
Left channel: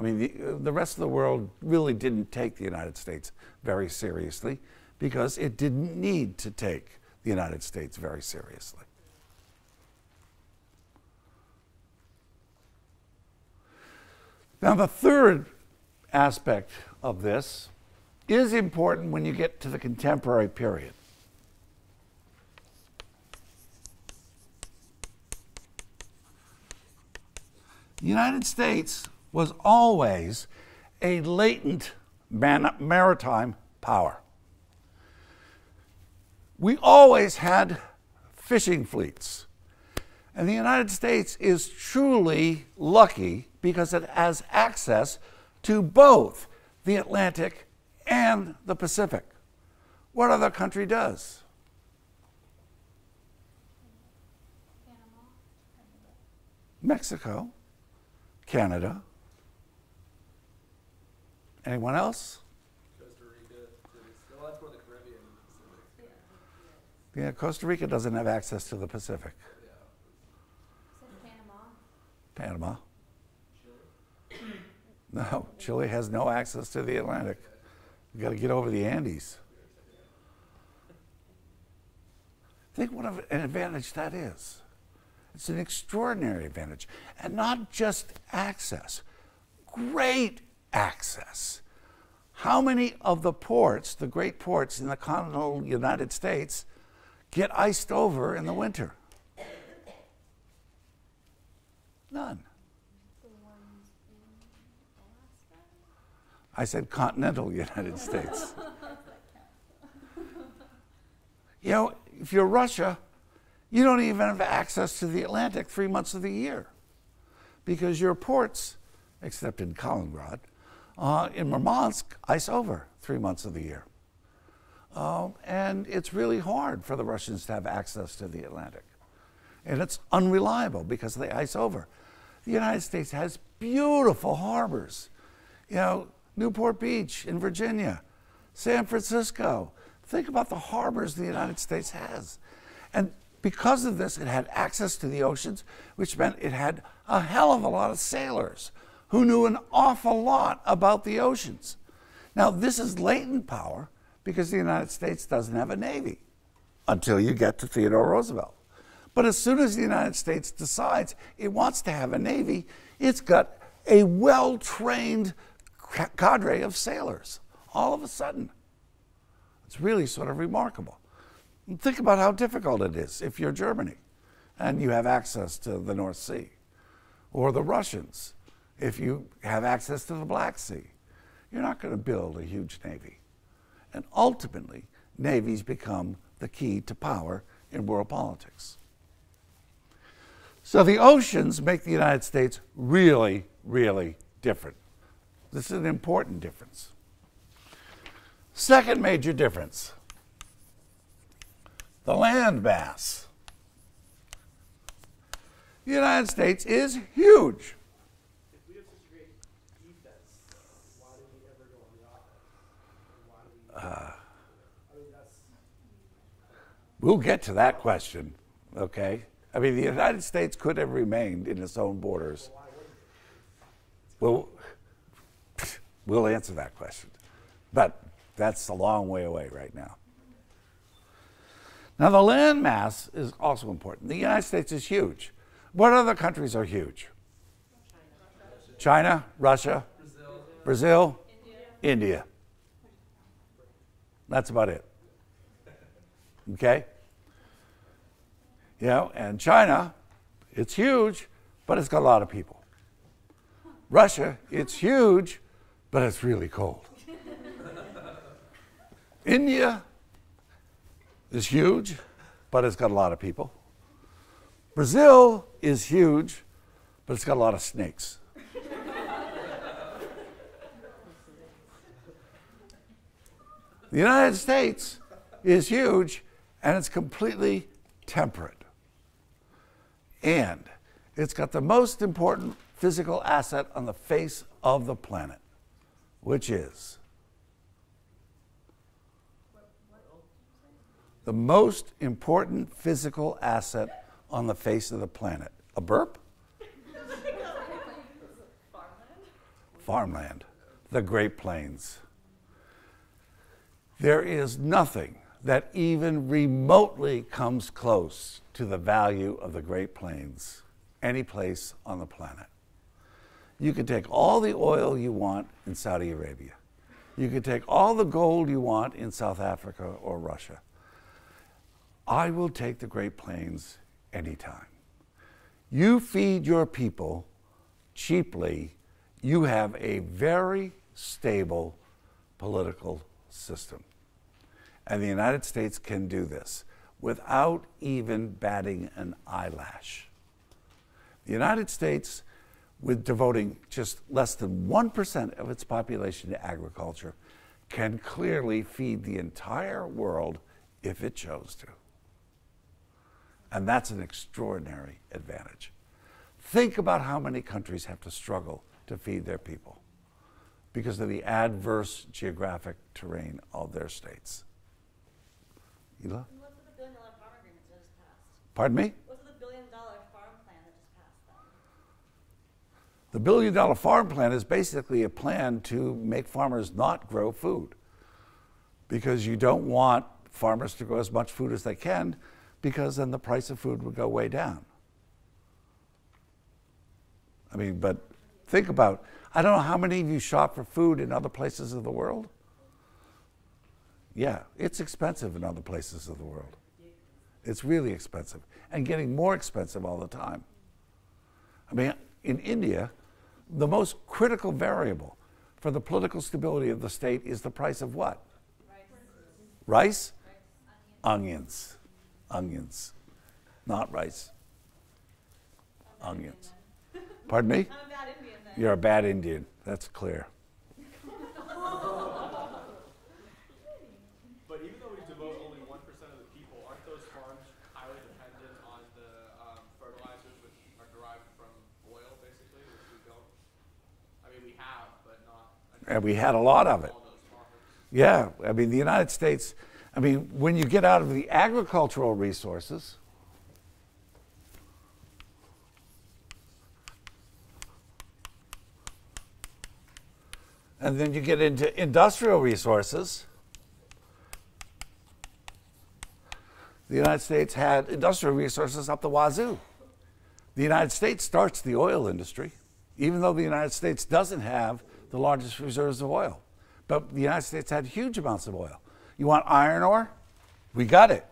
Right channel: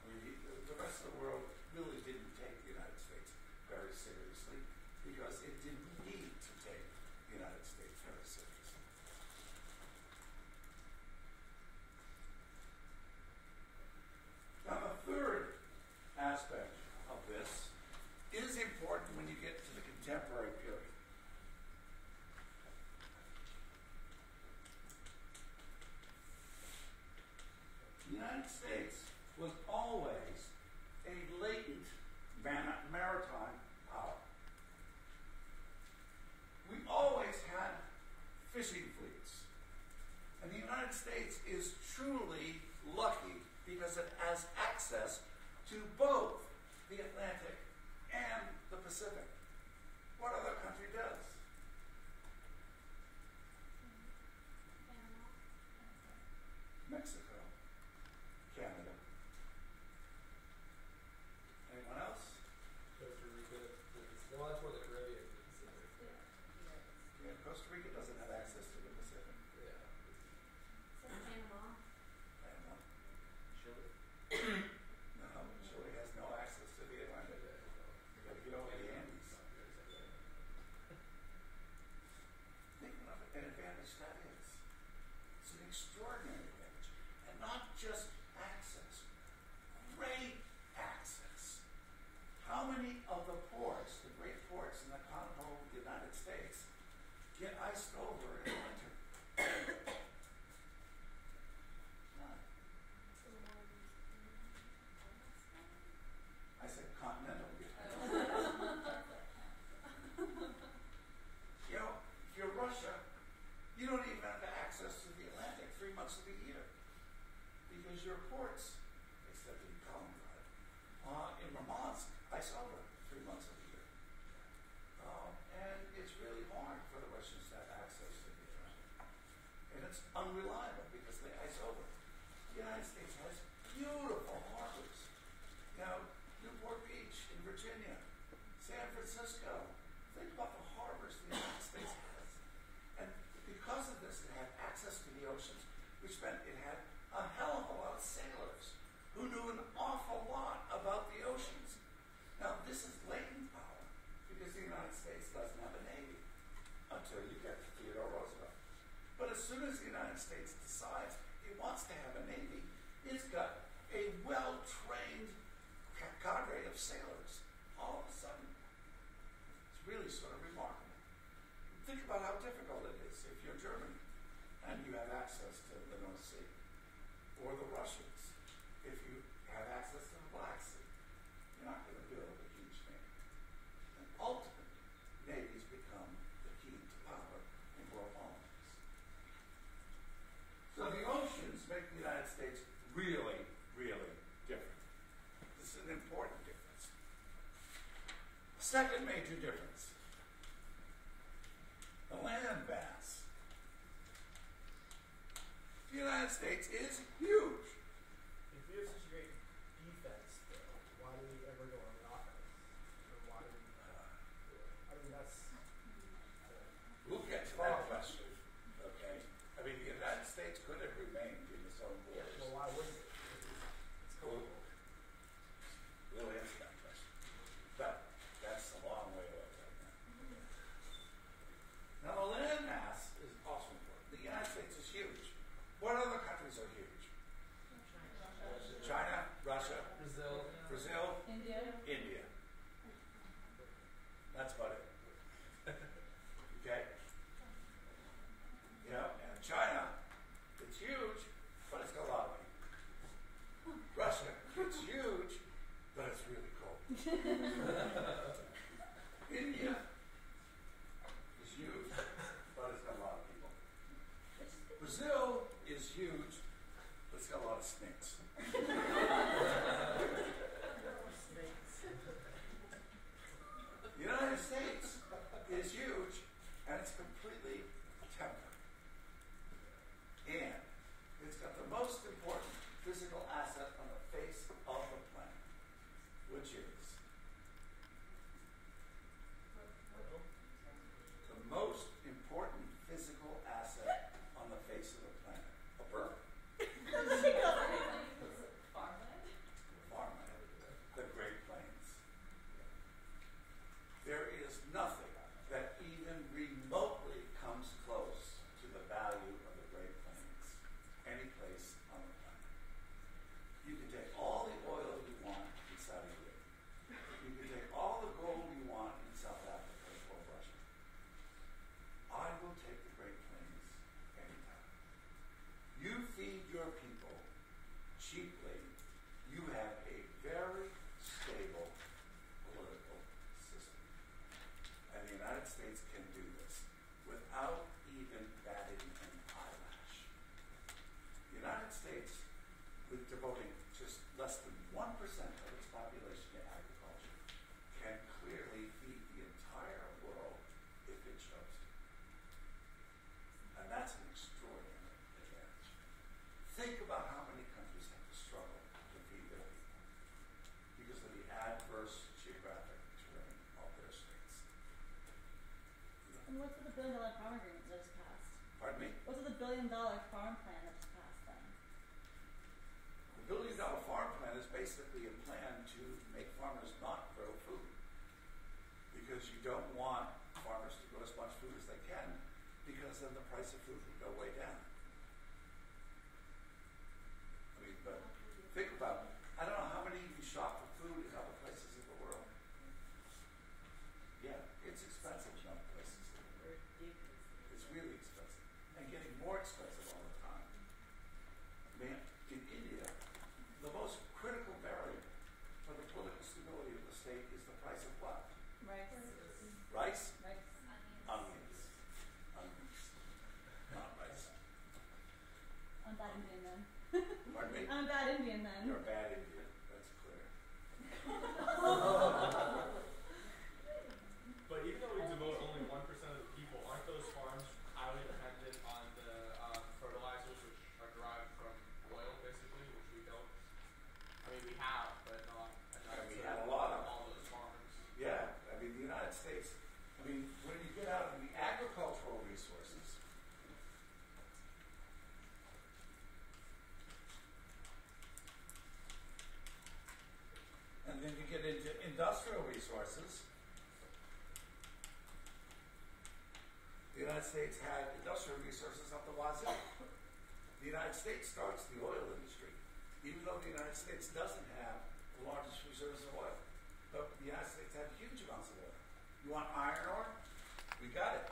I mean, the rest of the world really didn't take the United States very seriously because it didn't need to take the United States very seriously. Now, the third aspect of this is important when you get to the contemporary period. The United States was always a latent maritime power. We always had fishing fleets. And the United States is truly lucky because it has access to both the Atlantic and the Pacific. What other country does? Mexico, Canada. Anyone else? Yeah, Costa Rica doesn't have access to the Pacific. Panama. No, Chile has no access to the Atlantic. You got to get over the Andes. Think what an advantage that is. It's an extraordinary advantage. And not just access, great access. How many of the ports, the great ports in the continental United States, get iced over in the winter? None. I said continental United States. You know, if you're Russia, you don't even have access to the Atlantic 3 months of the year because your ports, except in Kaliningrad, in Murmansk, ice over 3 months of the year. And it's really hard for the Russians to have access to the Atlantic. And it's unreliable because they ice over. The United States has beautiful harbors. You know, Newport Beach in Virginia, San Francisco. Think about the harbors the United States has. And because of this, it had access to the oceans, which meant it had a hell of a lot of sailors who knew an awful lot about the oceans. Now, this is latent power because the United States doesn't have a Navy until you get to Theodore Roosevelt. But as soon as the United States decides it wants to have a Navy, it's got a well-trained cadre of sailors all of a sudden. It's really sort of remarkable. And think about how difficult it is if you're Germany and you have access to the North Sea, or the Russians if you have access to the Black Sea. You're not going to build a huge Navy. And ultimately, navies become the key to power in world politics. So the oceans make the United States really, really different. This is an important difference. Second major difference, the land mass. The United States is huge. If we have such great defense, why do we ever go on the offense? Or why do we? I mean, that's. We'll get to that question, okay? I mean, the United States could have remained in its own borders. Well, we'll answer that question. But that's a long way away right now. Now, the land mass is also important. The United States is huge. What other countries are huge? China, Russia, Brazil, India. That's about it. Okay? You know, and China, it's huge, but it's got a lot of people. Russia, it's huge, but it's really cold. India is huge, but it's got a lot of people. Brazil is huge, but it's got a lot of snakes. The United States is huge, and it's completely temperate. And it's got the most important physical asset on the face of the planet, which is the most important physical asset on the face of the planet. A burp? Farmland. The Great Plains. There is nothing that even remotely comes close to the value of the Great Plains any place on the planet. You could take all the oil you want in Saudi Arabia. You could take all the gold you want in South Africa or Russia. I will take the Great Plains anytime. You feed your people cheaply, you have a very stable political system. And the United States can do this without even batting an eyelash. The United States, with devoting just less than 1% of its population to agriculture, can clearly feed the entire world if it chose to. And that's an extraordinary advantage. Think about how many countries have to struggle to feed their people because of the adverse geographic terrain of their states. Ela? What's with the $1 billion farm agreement that just passed? Pardon me? What's with the $1 billion farm plan that just passed then? The $1 billion farm plan is basically a plan to make farmers not grow food because you don't want farmers to grow as much food as they can because then the price of food would go way down. I mean, but think about, I don't know how many of you shop for food in other places of the world. Yeah, it's expensive in other places of the world. It's really expensive and getting more expensive all the time. I mean, in India, the most critical variable for the political stability of the state is the price of what? Rice? Onions. Onions. Not rice. Onions. Pardon me? I'm a bad Indian then. You're a bad Indian. That's clear. But even though we devote only 1% of the people, aren't those farms highly dependent on the fertilizers which are derived from oil, basically, which we don't? I mean, we have, but not. And we had a lot of it. All those farmers. Yeah, I mean, the United States, I mean, when you get out of the agricultural resources, and then you get into industrial resources, the United States had industrial resources up the wazoo. The United States starts the oil industry, even though the United States doesn't have the largest reserves of oil. But the United States had huge amounts of oil. You want iron ore? We got it.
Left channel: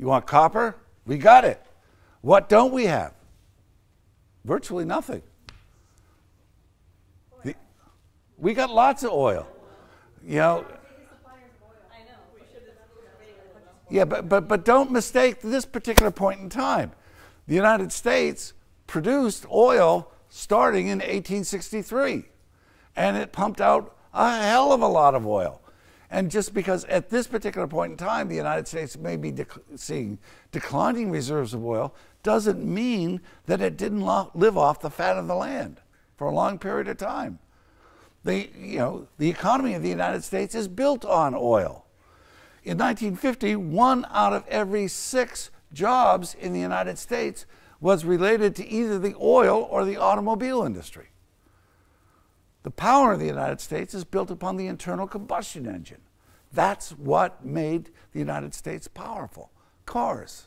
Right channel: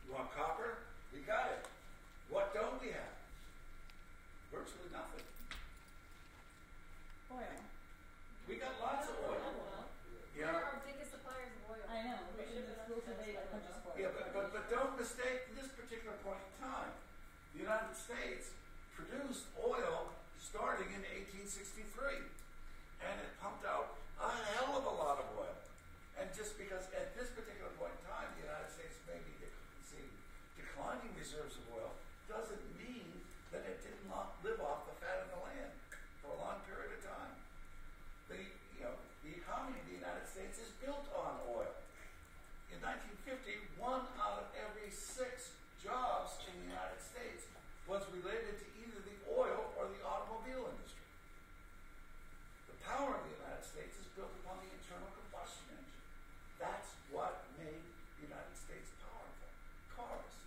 You want copper? We got it. What don't we have? Virtually nothing. We got lots of oil. You know, I know. We should exclusively purchase. yeah, but don't mistake this particular point in time. The United States produced oil starting in 1863, and it pumped out a hell of a lot of oil. And just because at this particular point in time, the United States may be seeing declining reserves of oil, doesn't mean that it didn't live off the fat of the land for a long period of time. The economy of the United States is built on oil. In 1950, 1 out of every 6 jobs in the United States was related to either the oil or the automobile industry. The power of the United States is built upon the internal combustion engine. That's what made the United States powerful. Cars.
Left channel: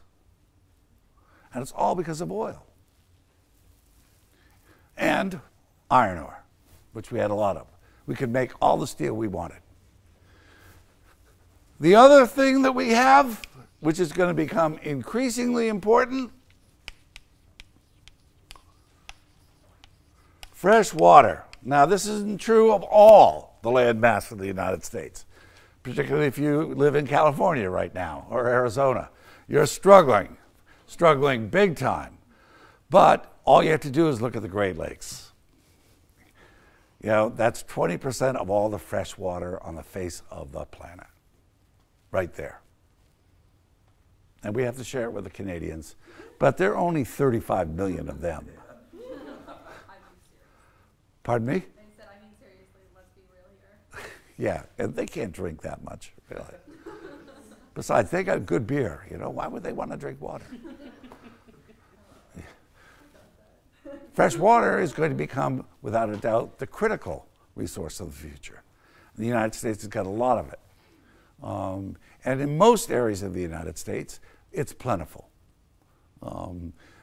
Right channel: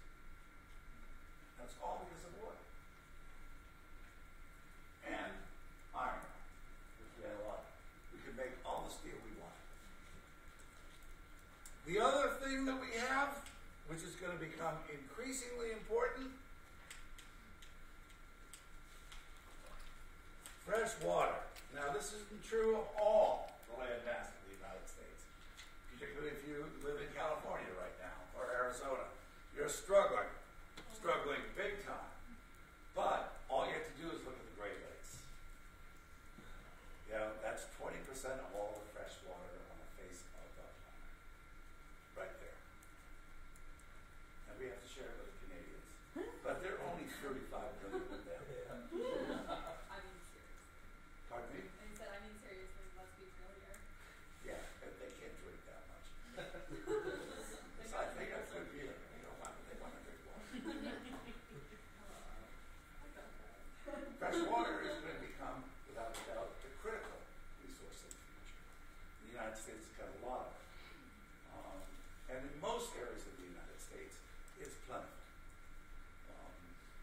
And it's all because of oil. And iron ore, which we had a lot of. We could make all the steel we wanted. The other thing that we have, which is going to become increasingly important, fresh water. Now, this isn't true of all the land mass of the United States, particularly if you live in California right now or Arizona. You're struggling big time. But all you have to do is look at the Great Lakes. You know, that's 20% of all the fresh water on the face of the planet, right there. And we have to share it with the Canadians, but there are only 35 million of them. Pardon me? Yeah, and they can't drink that much. You know. Besides, they got good beer. You know, why would they want to drink water? Yeah. Fresh water is going to become, without a doubt, the critical resource of the future. The United States has got a lot of it. And in most areas of the United States, it's plentiful.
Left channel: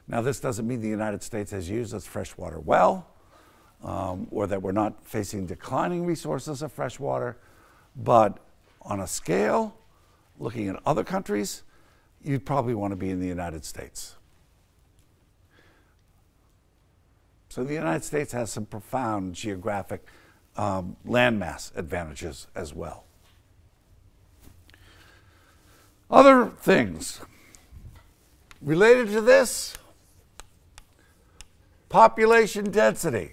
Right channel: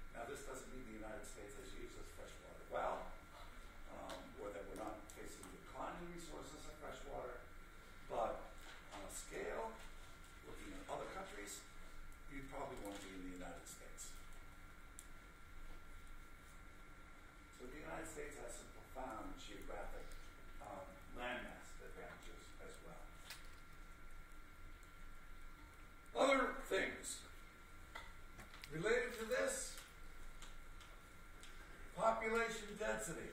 Now, this doesn't mean the United States has used its fresh water well, or that we're not facing declining resources of fresh water, but on a scale, looking at other countries, you'd probably want to be in the United States. So the United States has some profound geographic landmass advantages as well. Other things related to this, population density.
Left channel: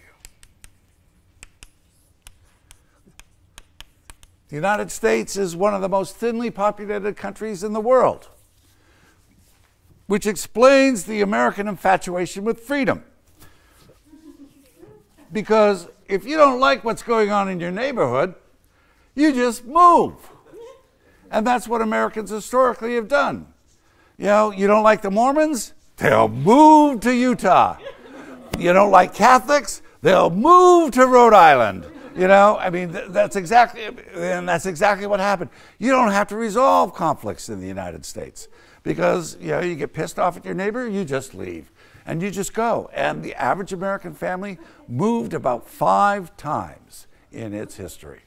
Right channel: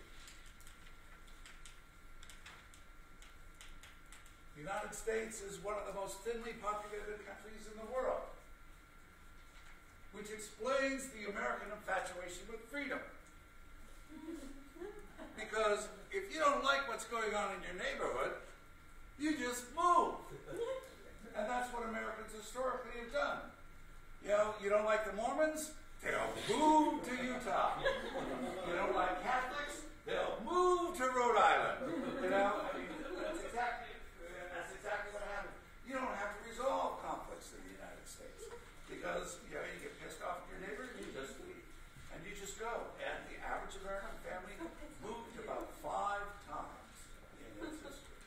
The United States is one of the most thinly populated countries in the world, which explains the American infatuation with freedom. Because if you don't like what's going on in your neighborhood, you just move. And that's what Americans historically have done. You know, you don't like the Mormons? They'll move to Utah. You don't like Catholics? They'll move to Rhode Island. You know, I mean, that's exactly what happened. You don't have to resolve conflicts in the United States because, you know, you get pissed off at your neighbor, you just leave and you just go. And the average American family moved about 5 times in its history,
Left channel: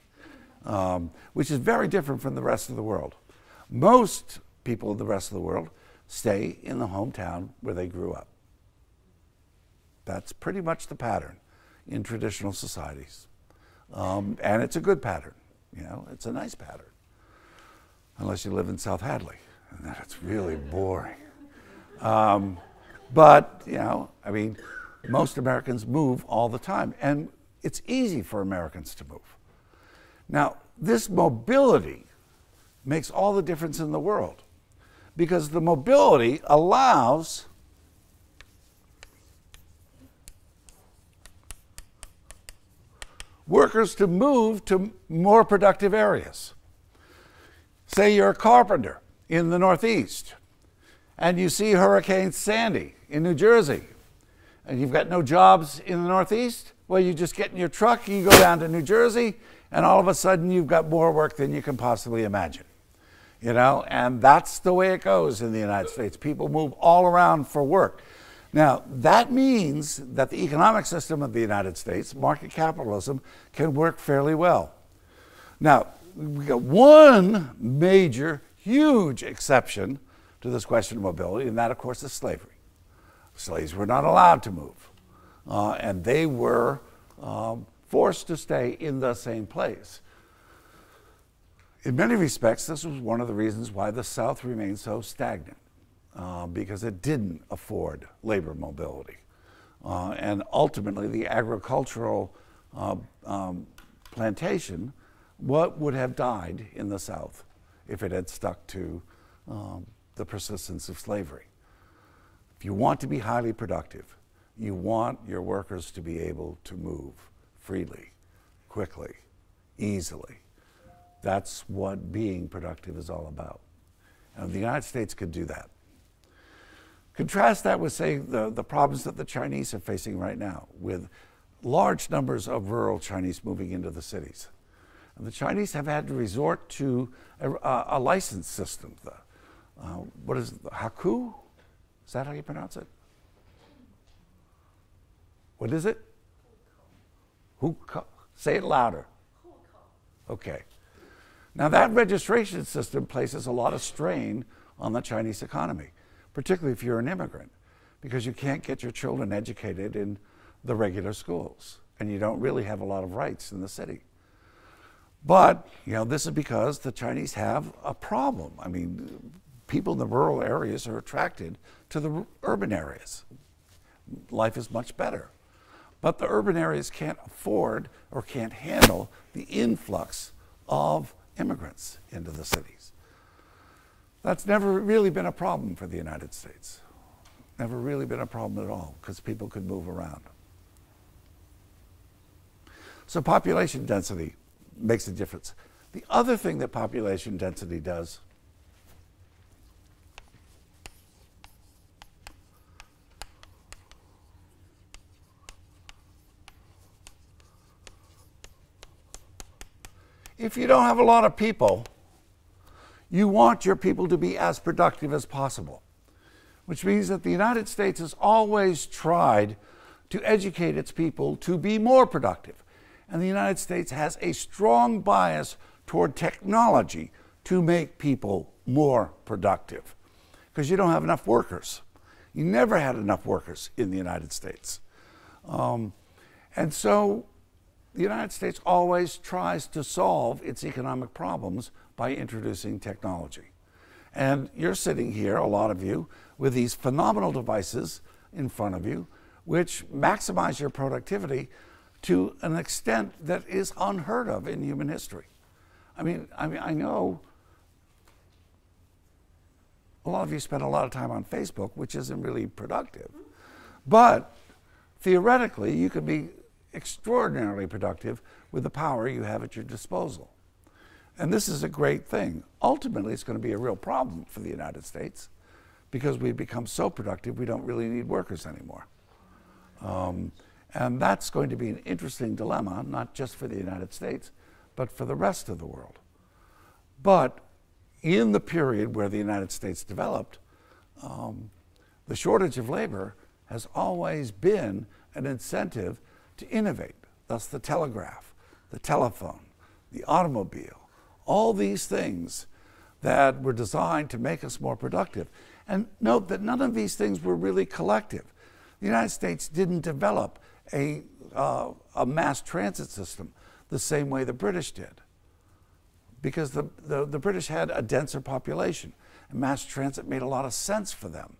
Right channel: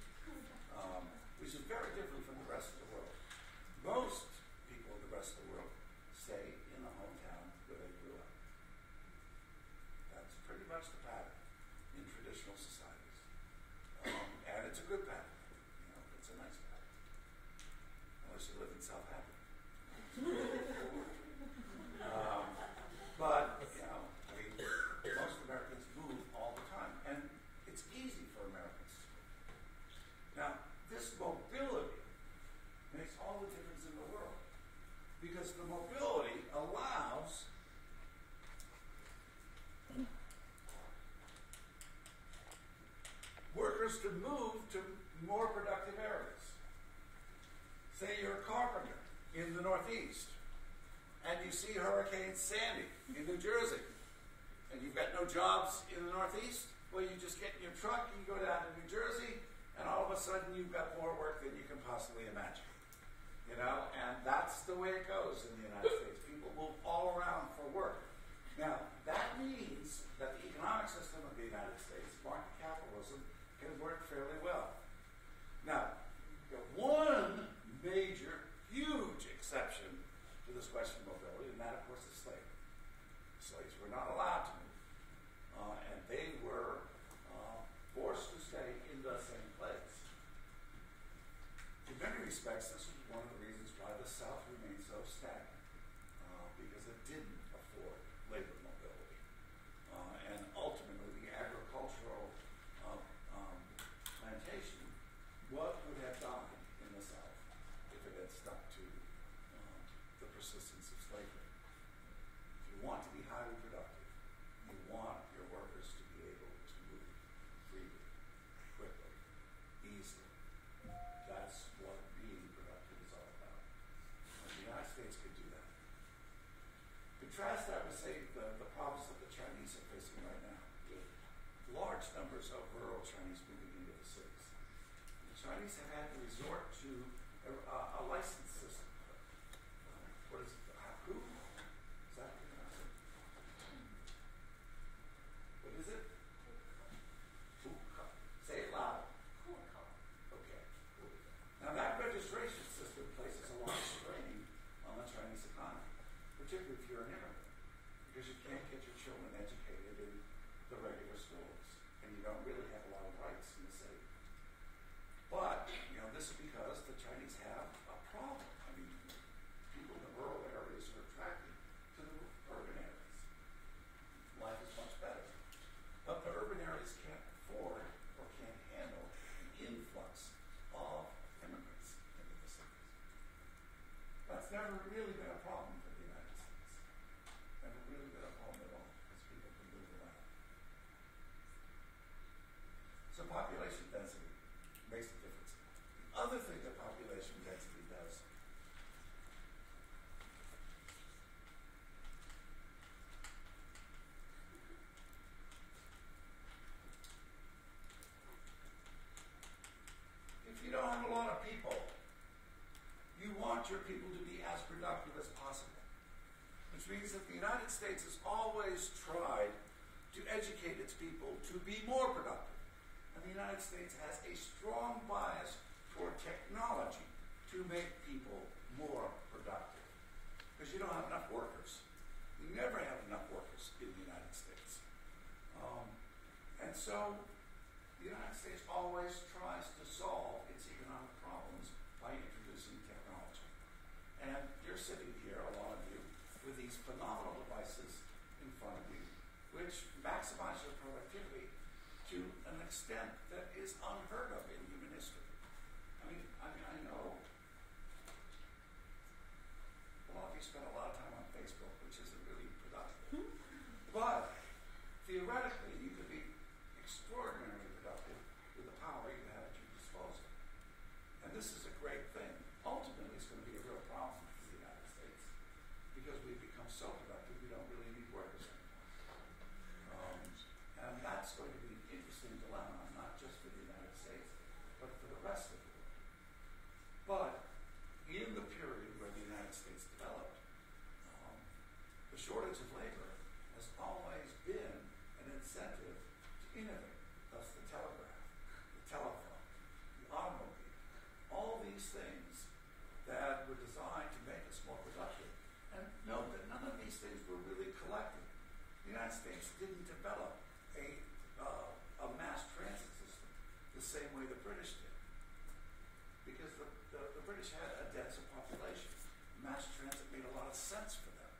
which is very different from the rest of the world. Most people in the rest of the world stay in the hometown where they grew up. That's pretty much the pattern in traditional societies. And it's a good pattern, you know, it's a nice pattern. Unless you live in South Hadley, and then it's really boring. But, you know, I mean, most Americans move all the time, and it's easy for Americans to move. Now, this mobility makes all the difference in the world, because the mobility allows workers to move to more productive areas. Say you're a carpenter in the Northeast and you see Hurricane Sandy in New Jersey and you've got no jobs in the Northeast. Well, you just get in your truck, you go down to New Jersey, and all of a sudden you've got more work than you can possibly imagine. You know, and that's the way it goes in the United States. People move all around for work. Now, that means that the economic system of the United States, market capitalism, can work fairly well. Now, we got one major, huge exception to this question of mobility, and that, of course, is slavery. Slaves were not allowed to move, and they were forced to stay in the same place. In many respects, this was one of the reasons why the South remained so stagnant. Because it didn't afford labor mobility. And ultimately, the agricultural plantation, what would have died in the South if it had stuck to the persistence of slavery? If you want to be highly productive, you want your workers to be able to move freely, quickly, easily. That's what being productive is all about. And the United States could do that. Contrast that with, say, the problems that the Chinese are facing right now, with large numbers of rural Chinese moving into the cities. And the Chinese have had to resort to a license system. What is it? Haku? Is that how you pronounce it? What is it? Hukou. Say it louder. Okay. Now that registration system places a lot of strain on the Chinese economy, particularly if you're an immigrant, because you can't get your children educated in the regular schools, and you don't really have a lot of rights in the city. But, this is because the Chinese have a problem. I mean, people in the rural areas are attracted to the urban areas. Life is much better. But the urban areas can't afford or can't handle the influx of immigrants into the cities. That's never really been a problem for the United States. Never really been a problem at all, because people could move around. So population density makes a difference. The other thing that population density does if you don't have a lot of people, you want your people to be as productive as possible, which means that the United States has always tried to educate its people to be more productive. And the United States has a strong bias toward technology to make people more productive, because you don't have enough workers. You never had enough workers in the United States. And so the United States always tries to solve its economic problems by introducing technology. And you're sitting here, a lot of you, with these phenomenal devices in front of you, which maximize your productivity to an extent that is unheard of in human history. I mean, I know a lot of you spend a lot of time on Facebook, which isn't really productive. But theoretically, you could be extraordinarily productive with the power you have at your disposal. And this is a great thing. Ultimately, it's going to be a real problem for the United States, because we've become so productive we don't really need workers anymore. And that's going to be an interesting dilemma, not just for the United States, but for the rest of the world. But in the period where the United States developed, the shortage of labor has always been an incentive to innovate. Thus the telegraph, the telephone, the automobile, all these things that were designed to make us more productive. And note that none of these things were really collective. The United States didn't develop a mass transit system the same way the British did, because the British had a denser population. And mass transit made a lot of sense for them.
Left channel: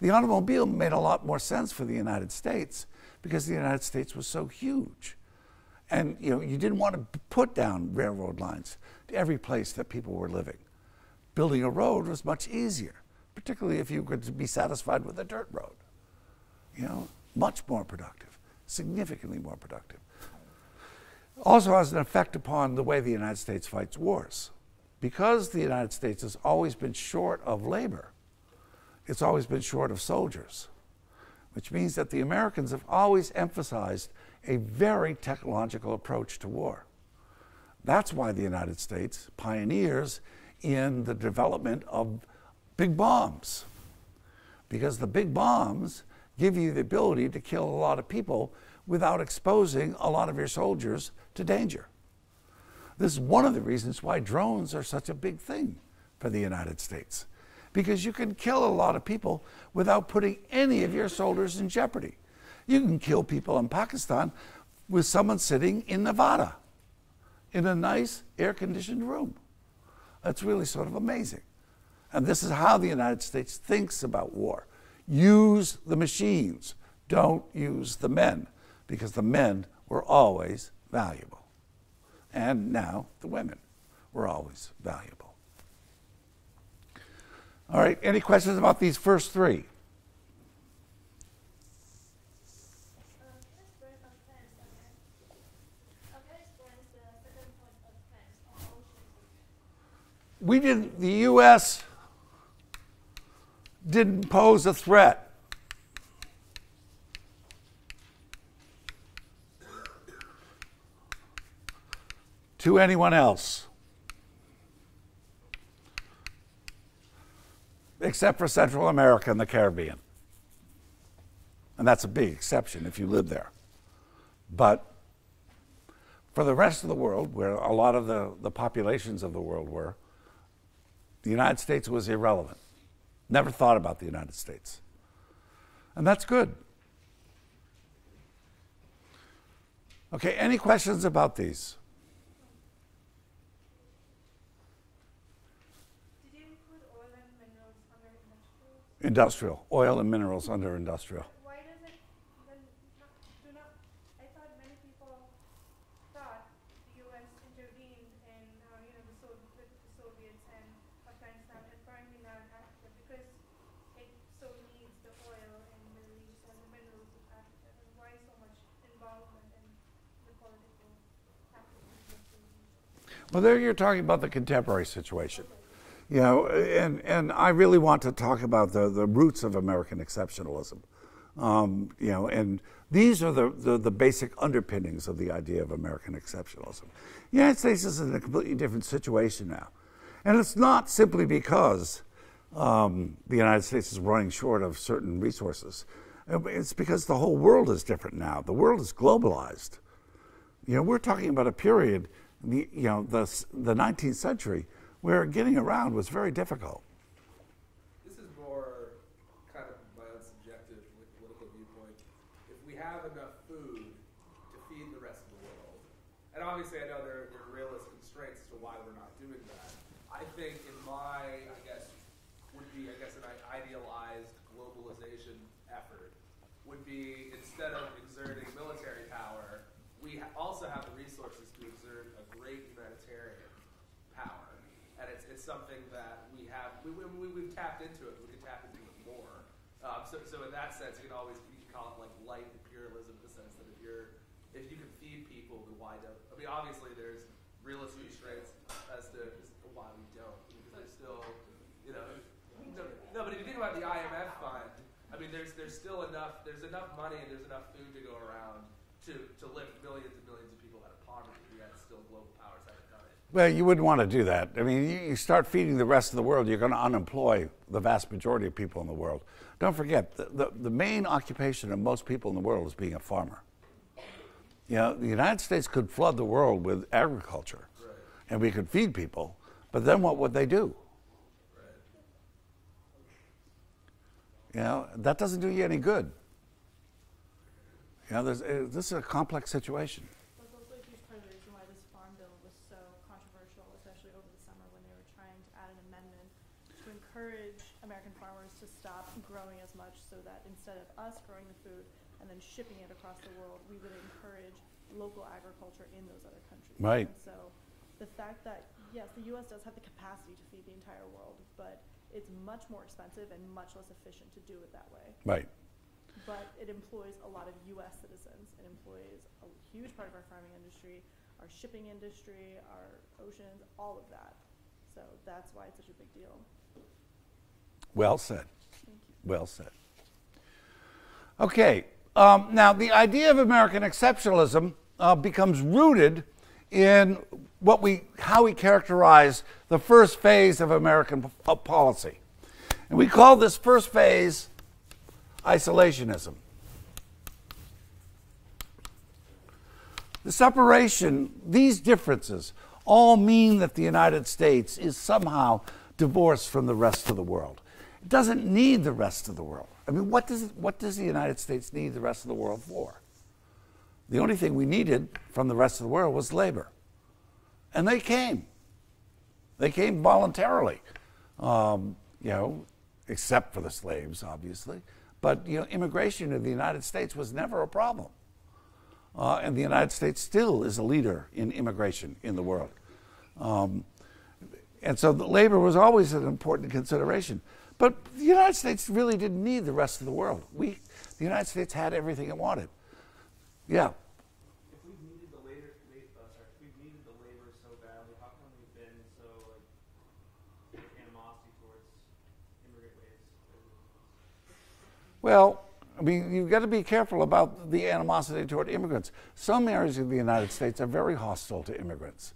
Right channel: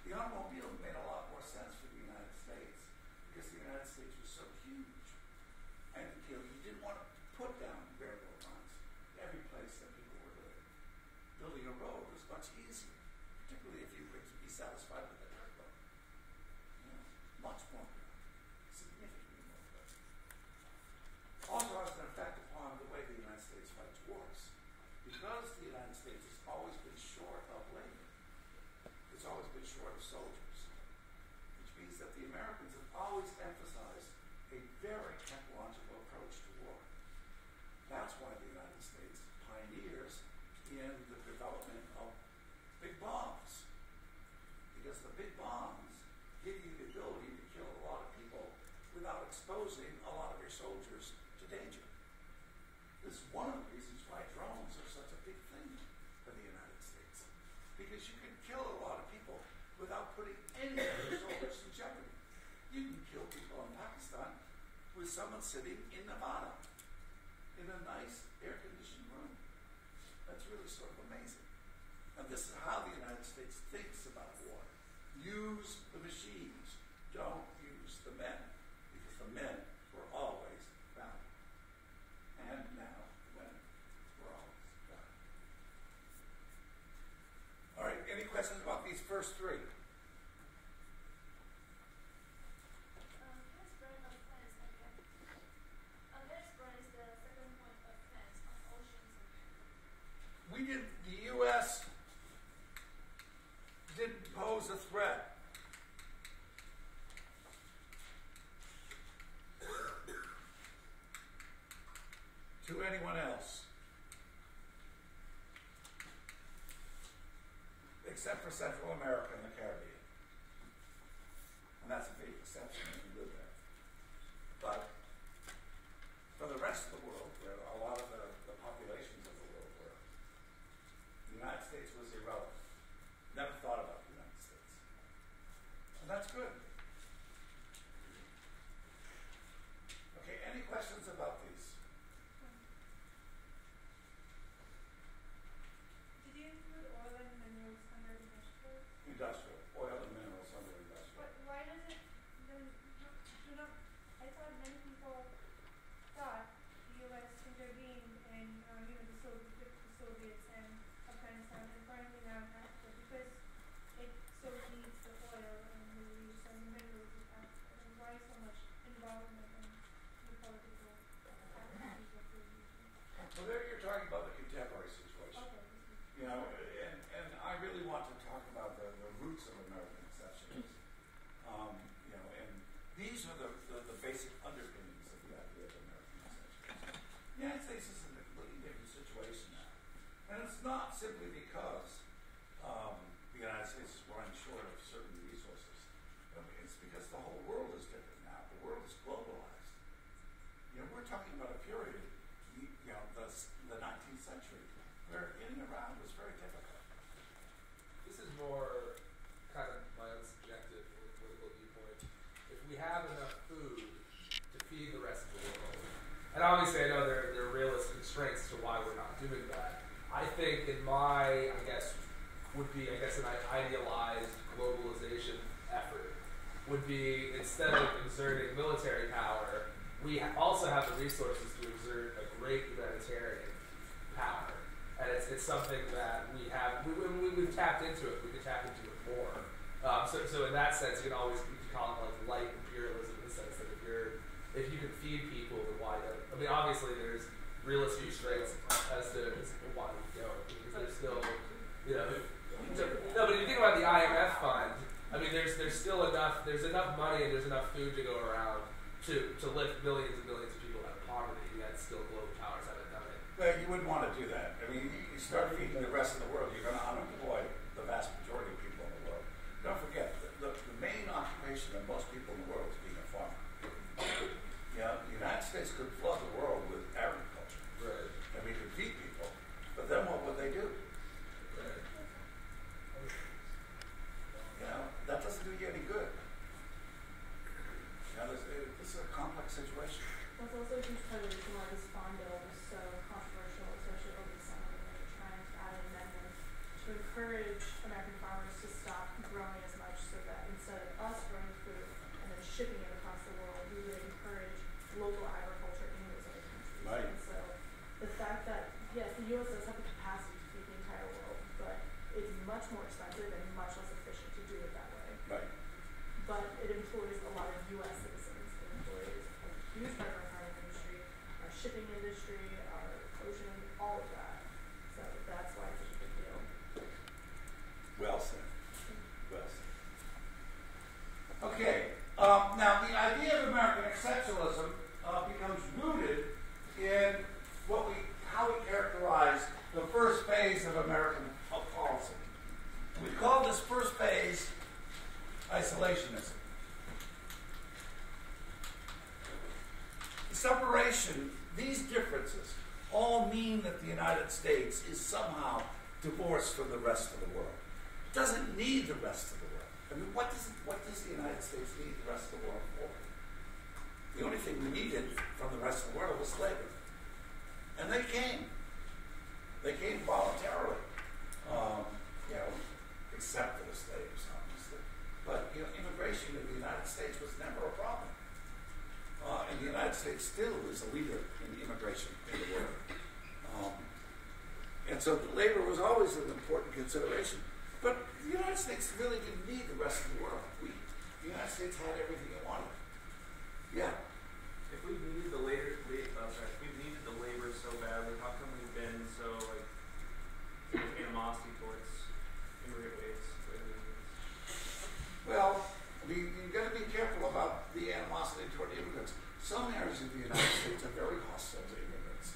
The automobile made a lot more sense for the United States, because the United States was so huge. And you didn't want to put down railroad lines to every place that people were living. Building a road was much easier, particularly if you could be satisfied with a dirt road. Much more productive, significantly more productive. Also has an effect upon the way the United States fights wars. Because the United States has always been short of labor, it's always been short of soldiers, which means that the Americans have always emphasized a very technological approach to war. That's why the United States pioneers in the development of big bombs, because the big bombs give you the ability to kill a lot of people without exposing a lot of your soldiers to danger. This is one of the reasons why drones are such a big thing for the United States, because you can kill a lot of people without putting any of your soldiers in jeopardy. You can kill people in Pakistan with someone sitting in Nevada in a nice air-conditioned room. That's really sort of amazing. And this is how the United States thinks about war. Use the machines, don't use the men, because the men were always valuable. And now the women were always valuable. All right, any questions about these first three? the U.S. didn't pose a threat to anyone else except for Central America and the Caribbean. And that's a big exception if you live there. But for the rest of the world, where a lot of the populations of the world were, the United States was irrelevant. Never thought about the United States. And that's good. Okay, any questions about these? Did you include oil and minerals under industrial? Industrial. Oil and minerals under industrial. Why does it then do not? I thought many people thought the U.S. intervened in with the Soviets and Afghanistan, and finally now it has, but because it so needs the oil and the leaves and the minerals of Africa, then why so much involvement in the political activities of the region? Well, there you're talking about the contemporary situation. You know, and I really want to talk about the roots of American exceptionalism. You know, and these are the basic underpinnings of the idea of American exceptionalism. The United States is in a completely different situation now. And it's not simply because the United States is running short of certain resources. It's because the whole world is different now. The world is globalized. You know, we're talking about a period, the 19th century, where getting around was very difficult. This is more kind of my own subjective political viewpoint. If we have enough food to feed the rest of the world, and obviously I know there are realistic constraints to why we're not doing that. I think in my, would be an idealized globalization effort, would be instead of exerting military power, we also have the resources to exert a great humanitarian power. And it's something that we've tapped into it. We can tap into it more. So in that sense, you can call it like light imperialism in the sense that if you can feed people, then why don't? I mean, obviously there's realistic constraints as to why we don't, because there's still, no. But if you think about the IMF fund, I mean, there's still enough. There's enough money and there's enough food to go around to lift billions and billions of people out of poverty. Yet still global powers haven't done it. Well, you wouldn't want to do that. I mean, you start feeding the rest of the world, you're going to unemploy the vast majority of people in the world. Don't forget, the main occupation of most people in the world is being a farmer. You know, the United States could flood the world with agriculture, Right. and we could feed people, but then what would they do? You know, that doesn't do you any good. You know, this is a complex situation. That's also a huge part of the reason why this farm bill was so controversial, especially over the summer when they were trying to add an amendment to encourage American farmers to stop growing as much so that instead of us growing food and then shipping it across the world, we would encourage local agriculture in those other countries. Right. And so the fact that, yes, the U.S. does have the capacity to feed the entire world, but it's much more expensive and much less efficient to do it that way. Right. But it employs a lot of U.S. citizens. It employs a huge part of our farming industry, our shipping industry, our ocean, all of that. So that's why it's such a big deal. Well said. Well said. Okay. Now, the idea of American exceptionalism becomes rooted in how we characterize the first phase of American policy. And we call this first phase isolationism. The separation, these differences, all mean that the United States is somehow divorced from the rest of the world. It doesn't need the rest of the world. I mean, what does the United States need the rest of the world for? The only thing we needed from the rest of the world was labor. And they came. They came voluntarily, except for the slaves, obviously. But immigration in the United States was never a problem. And the United States still is a leader in immigration in the world. And so labor was always an important consideration. But the United States really didn't need the rest of the world. The United States had everything it wanted. Yeah. If we needed the labor so badly, how come we've been so Well, I mean, you've got to be careful about the animosity toward immigrants. Some areas of the United States are very hostile to immigrants.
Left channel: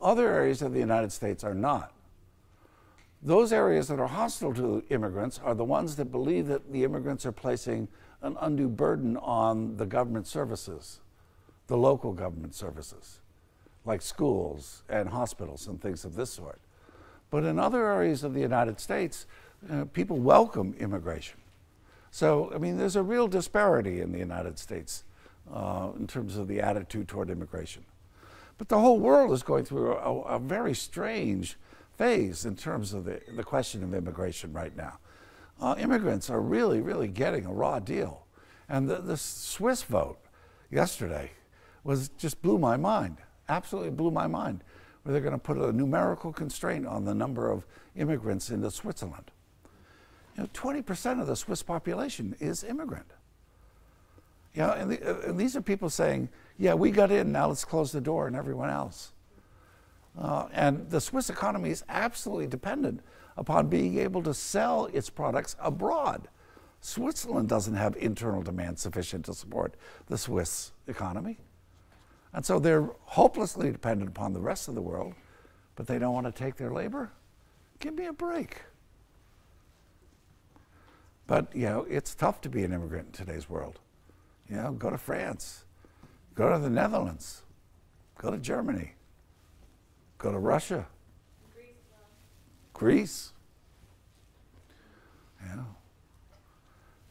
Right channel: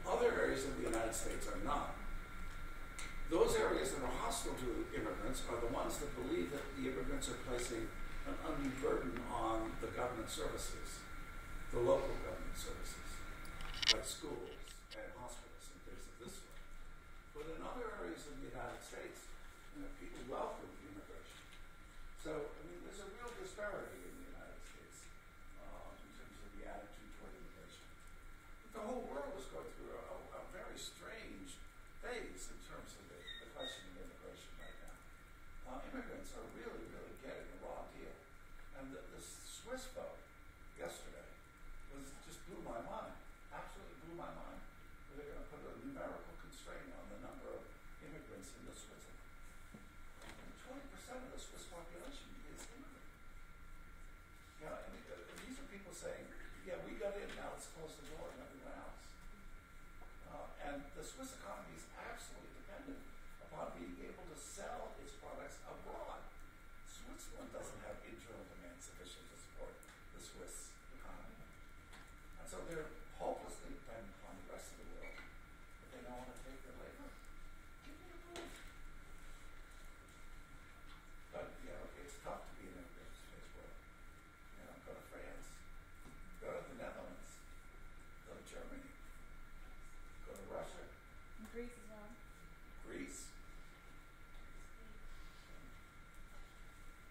Other areas of the United States are not. Those areas that are hostile to immigrants are the ones that believe that the immigrants are placing an undue burden on the government services, the local government services, like schools and hospitals and things of this sort. But in other areas of the United States, people welcome immigration. So, I mean, there's a real disparity in the United States in terms of the attitude toward immigration. But the whole world is going through a very strange phase in terms of the question of immigration right now. Immigrants are really, really getting a raw deal. And the Swiss vote yesterday just blew my mind, absolutely blew my mind, where they're going to put a numerical constraint on the number of immigrants into Switzerland. 20% of the Swiss population is immigrant. And these are people saying, yeah, we got in, now let's close the door on everyone else. And the Swiss economy is absolutely dependent upon being able to sell its products abroad. Switzerland doesn't have internal demand sufficient to support the Swiss economy. And so they're hopelessly dependent upon the rest of the world, but they don't want to take their labor? Give me a break. But, it's tough to be an immigrant in today's world. Go to France, go to the Netherlands, go to Germany, go to Russia, Greece.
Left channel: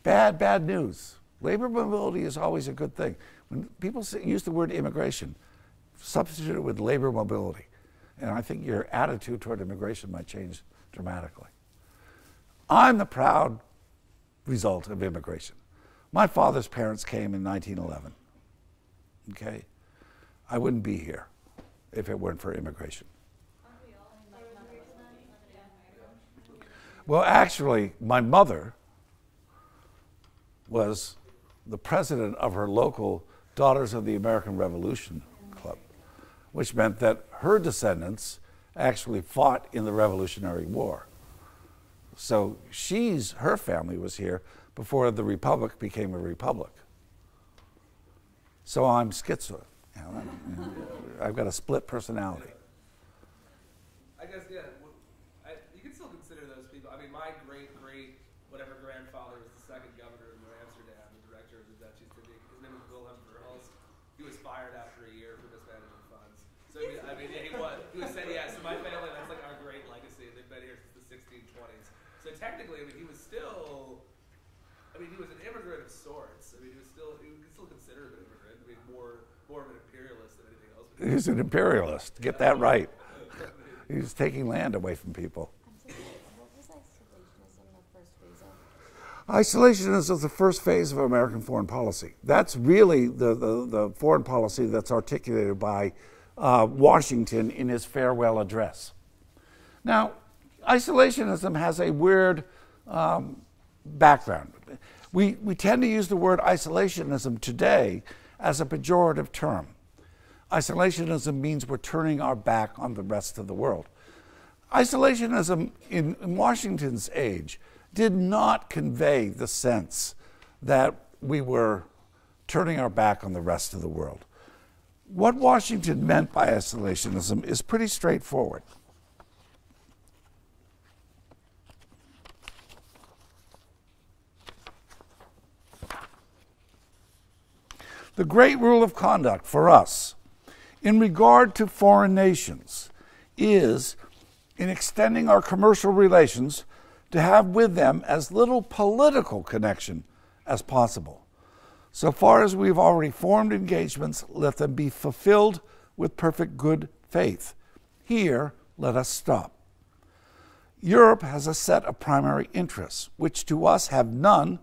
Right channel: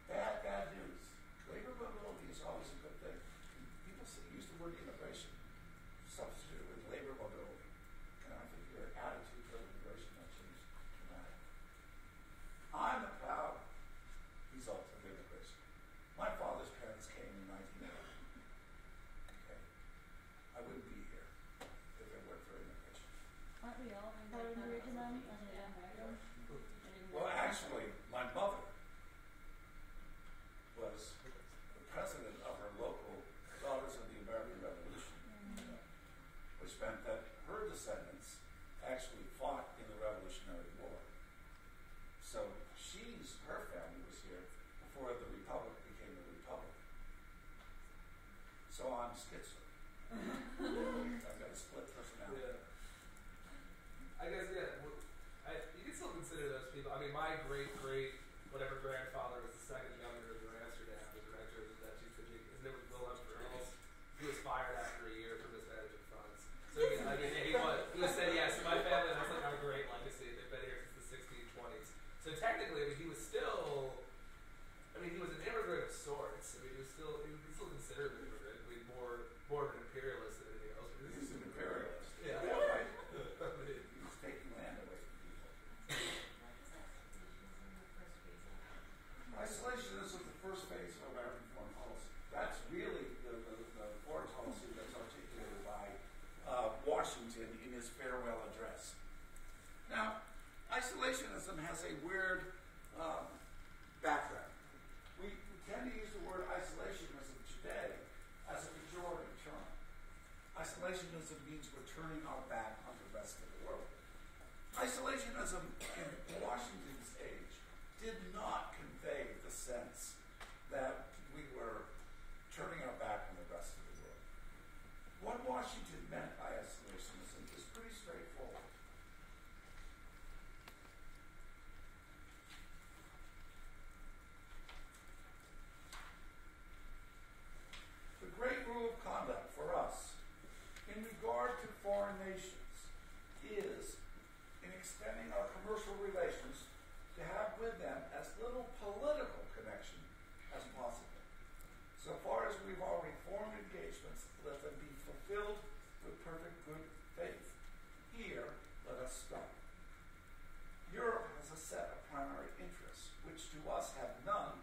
Bad news. Labor mobility is always a good thing. When people use the word immigration, substitute it with labor mobility. And I think your attitude toward immigration might change dramatically. I'm the proud result of immigration. My father's parents came in 1911. Okay? I wouldn't be here if it weren't for immigration. Aren't we all immigration then? Well, actually, my mother was the president of her local Daughters of the American Revolution Club, which meant that her descendants actually fought in the Revolutionary War. So her family was here before the republic became a republic. So I'm schizo. I've got a split personality. I guess, you can still consider those people. I mean, my whatever grandfather was the second governor of Amsterdam, the director of the Dutch East Indies. His name was Wilhelm Verhulst. He was fired after a year for mismanaging funds. So, he was. He was saying, yes, my family, that's like our great legacy. They've been here since the 1620s. So technically, he was still, he was an immigrant of sorts. He was still considered an immigrant. More of an imperialist than anything else. He's an imperialist. Get that right. He's taking land away from people. Isolationism is the first phase of American foreign policy. That's really the foreign policy that's articulated by Washington in his farewell address. Now, isolationism has a weird background. We tend to use the word isolationism today as a pejorative term. Isolationism means we're turning our back on the rest of the world. Isolationism in Washington's age did not convey the sense that we were turning our back on the rest of the world. What Washington meant by isolationism is pretty straightforward. The great rule of conduct for us in regard to foreign nations is, in extending our commercial relations, to have with them as little political connection as possible. So far as we've already formed engagements, let them be fulfilled with perfect good faith. Here, let us stop. Europe has a set of primary interests, which to us have none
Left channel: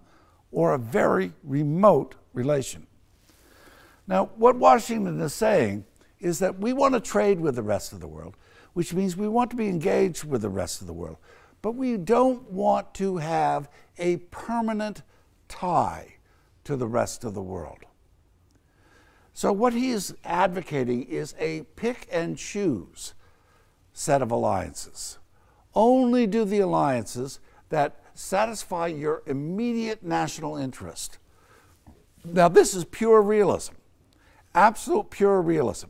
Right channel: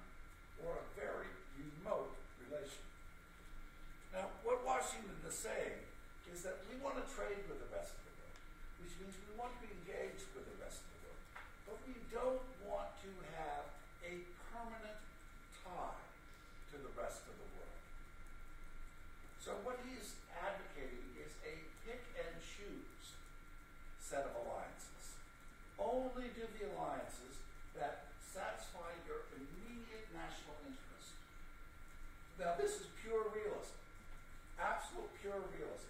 or a very remote relation. Now, what Washington is saying is that we want to trade with the rest of the world, which means we want to be engaged with the rest of the world. But we don't want to have a permanent tie to the rest of the world. So what he is advocating is a pick and choose set of alliances. Only do the alliances that satisfy your immediate national interest. Now, this is pure realism, absolute pure realism.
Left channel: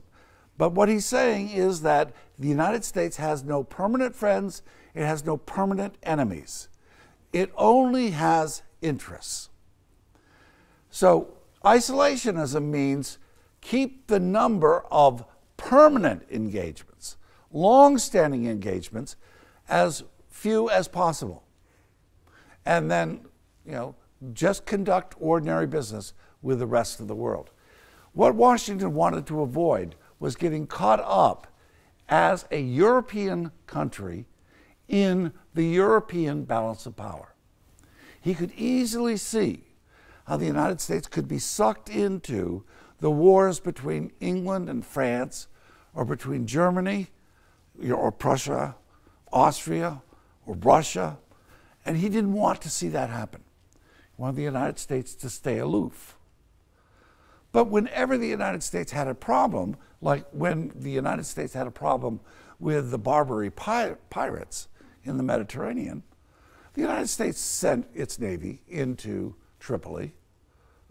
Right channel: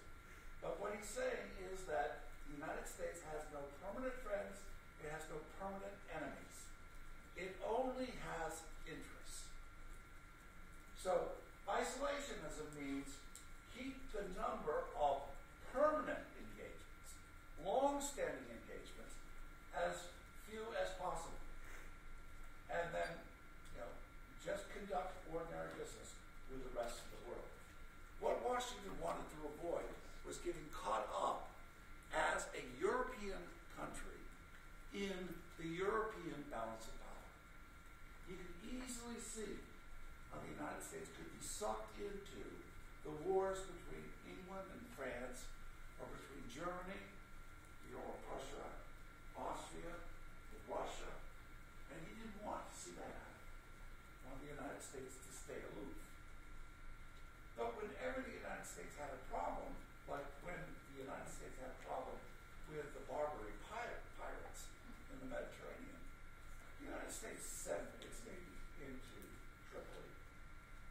But what he's saying is that the United States has no permanent friends, it has no permanent enemies. It only has interests. So, isolationism means keep the number of permanent engagements, long-standing engagements, as few as possible. And then, just conduct ordinary business with the rest of the world. What Washington wanted to avoid was getting caught up as a European country in the European balance of power. He could easily see how the United States could be sucked into the wars between England and France, or between Germany, or Prussia, Austria, or Russia, and he didn't want to see that happen. He wanted the United States to stay aloof. But whenever the United States had a problem, like when the United States had a problem with the Barbary pirates in the Mediterranean, the United States sent its navy into Tripoli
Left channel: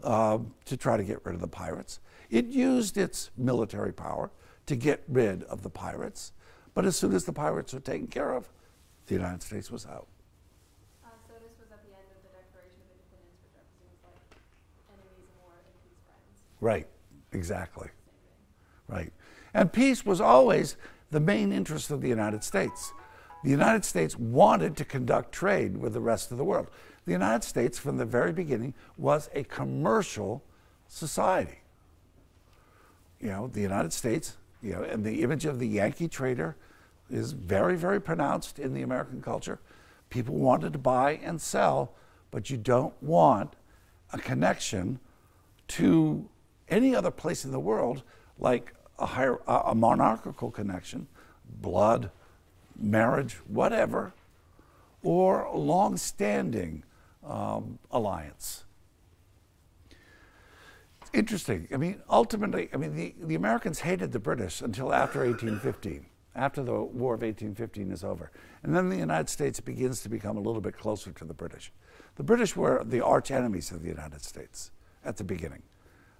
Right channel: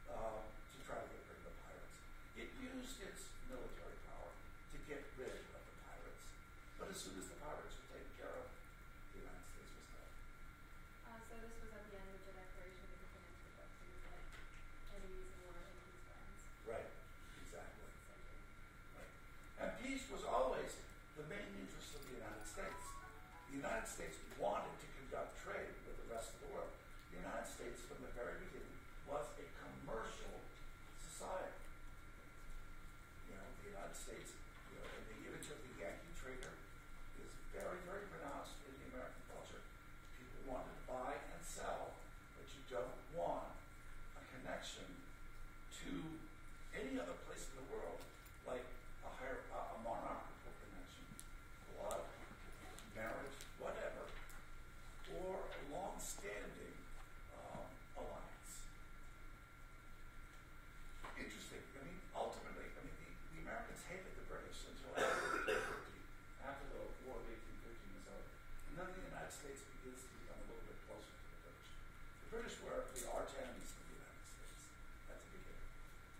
to try to get rid of the pirates. It used its military power to get rid of the pirates, but as soon as the pirates were taken care of, the United States was out. So this was at the end of the Declaration of Independence, which obviously was like enemies in war, enemies friends. Right, exactly. Right. And peace was always the main interest of the United States. The United States wanted to conduct trade with the rest of the world. The United States, from the very beginning, was a commercial society. The United States, and the image of the Yankee trader is very, very pronounced in the American culture. People wanted to buy and sell, but you don't want a connection to any other place in the world, like a monarchical connection, blood, marriage, whatever, or a long-standing alliance. Interesting. Ultimately, the Americans hated the British until after 1815, after the War of 1815 is over. And then the United States begins to become a little bit closer to the British. The British were the arch enemies of the United States at the beginning.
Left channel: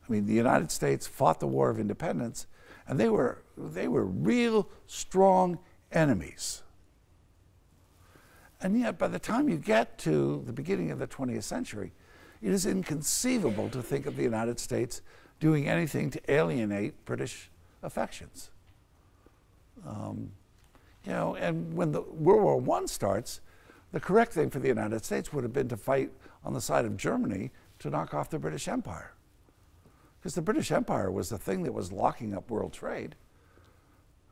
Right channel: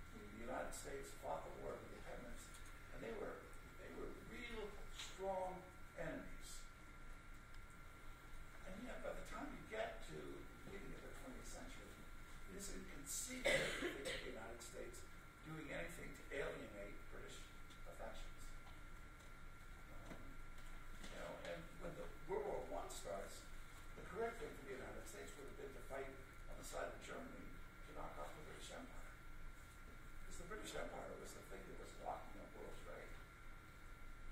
The United States fought the War of Independence, and they were real strong enemies. And yet, by the time you get to the beginning of the 20th century, it is inconceivable to think of the United States doing anything to alienate British affections. And when the World War I starts, the correct thing for the United States would have been to fight on the side of Germany to knock off the British Empire. Because the British Empire was the thing that was locking up world trade.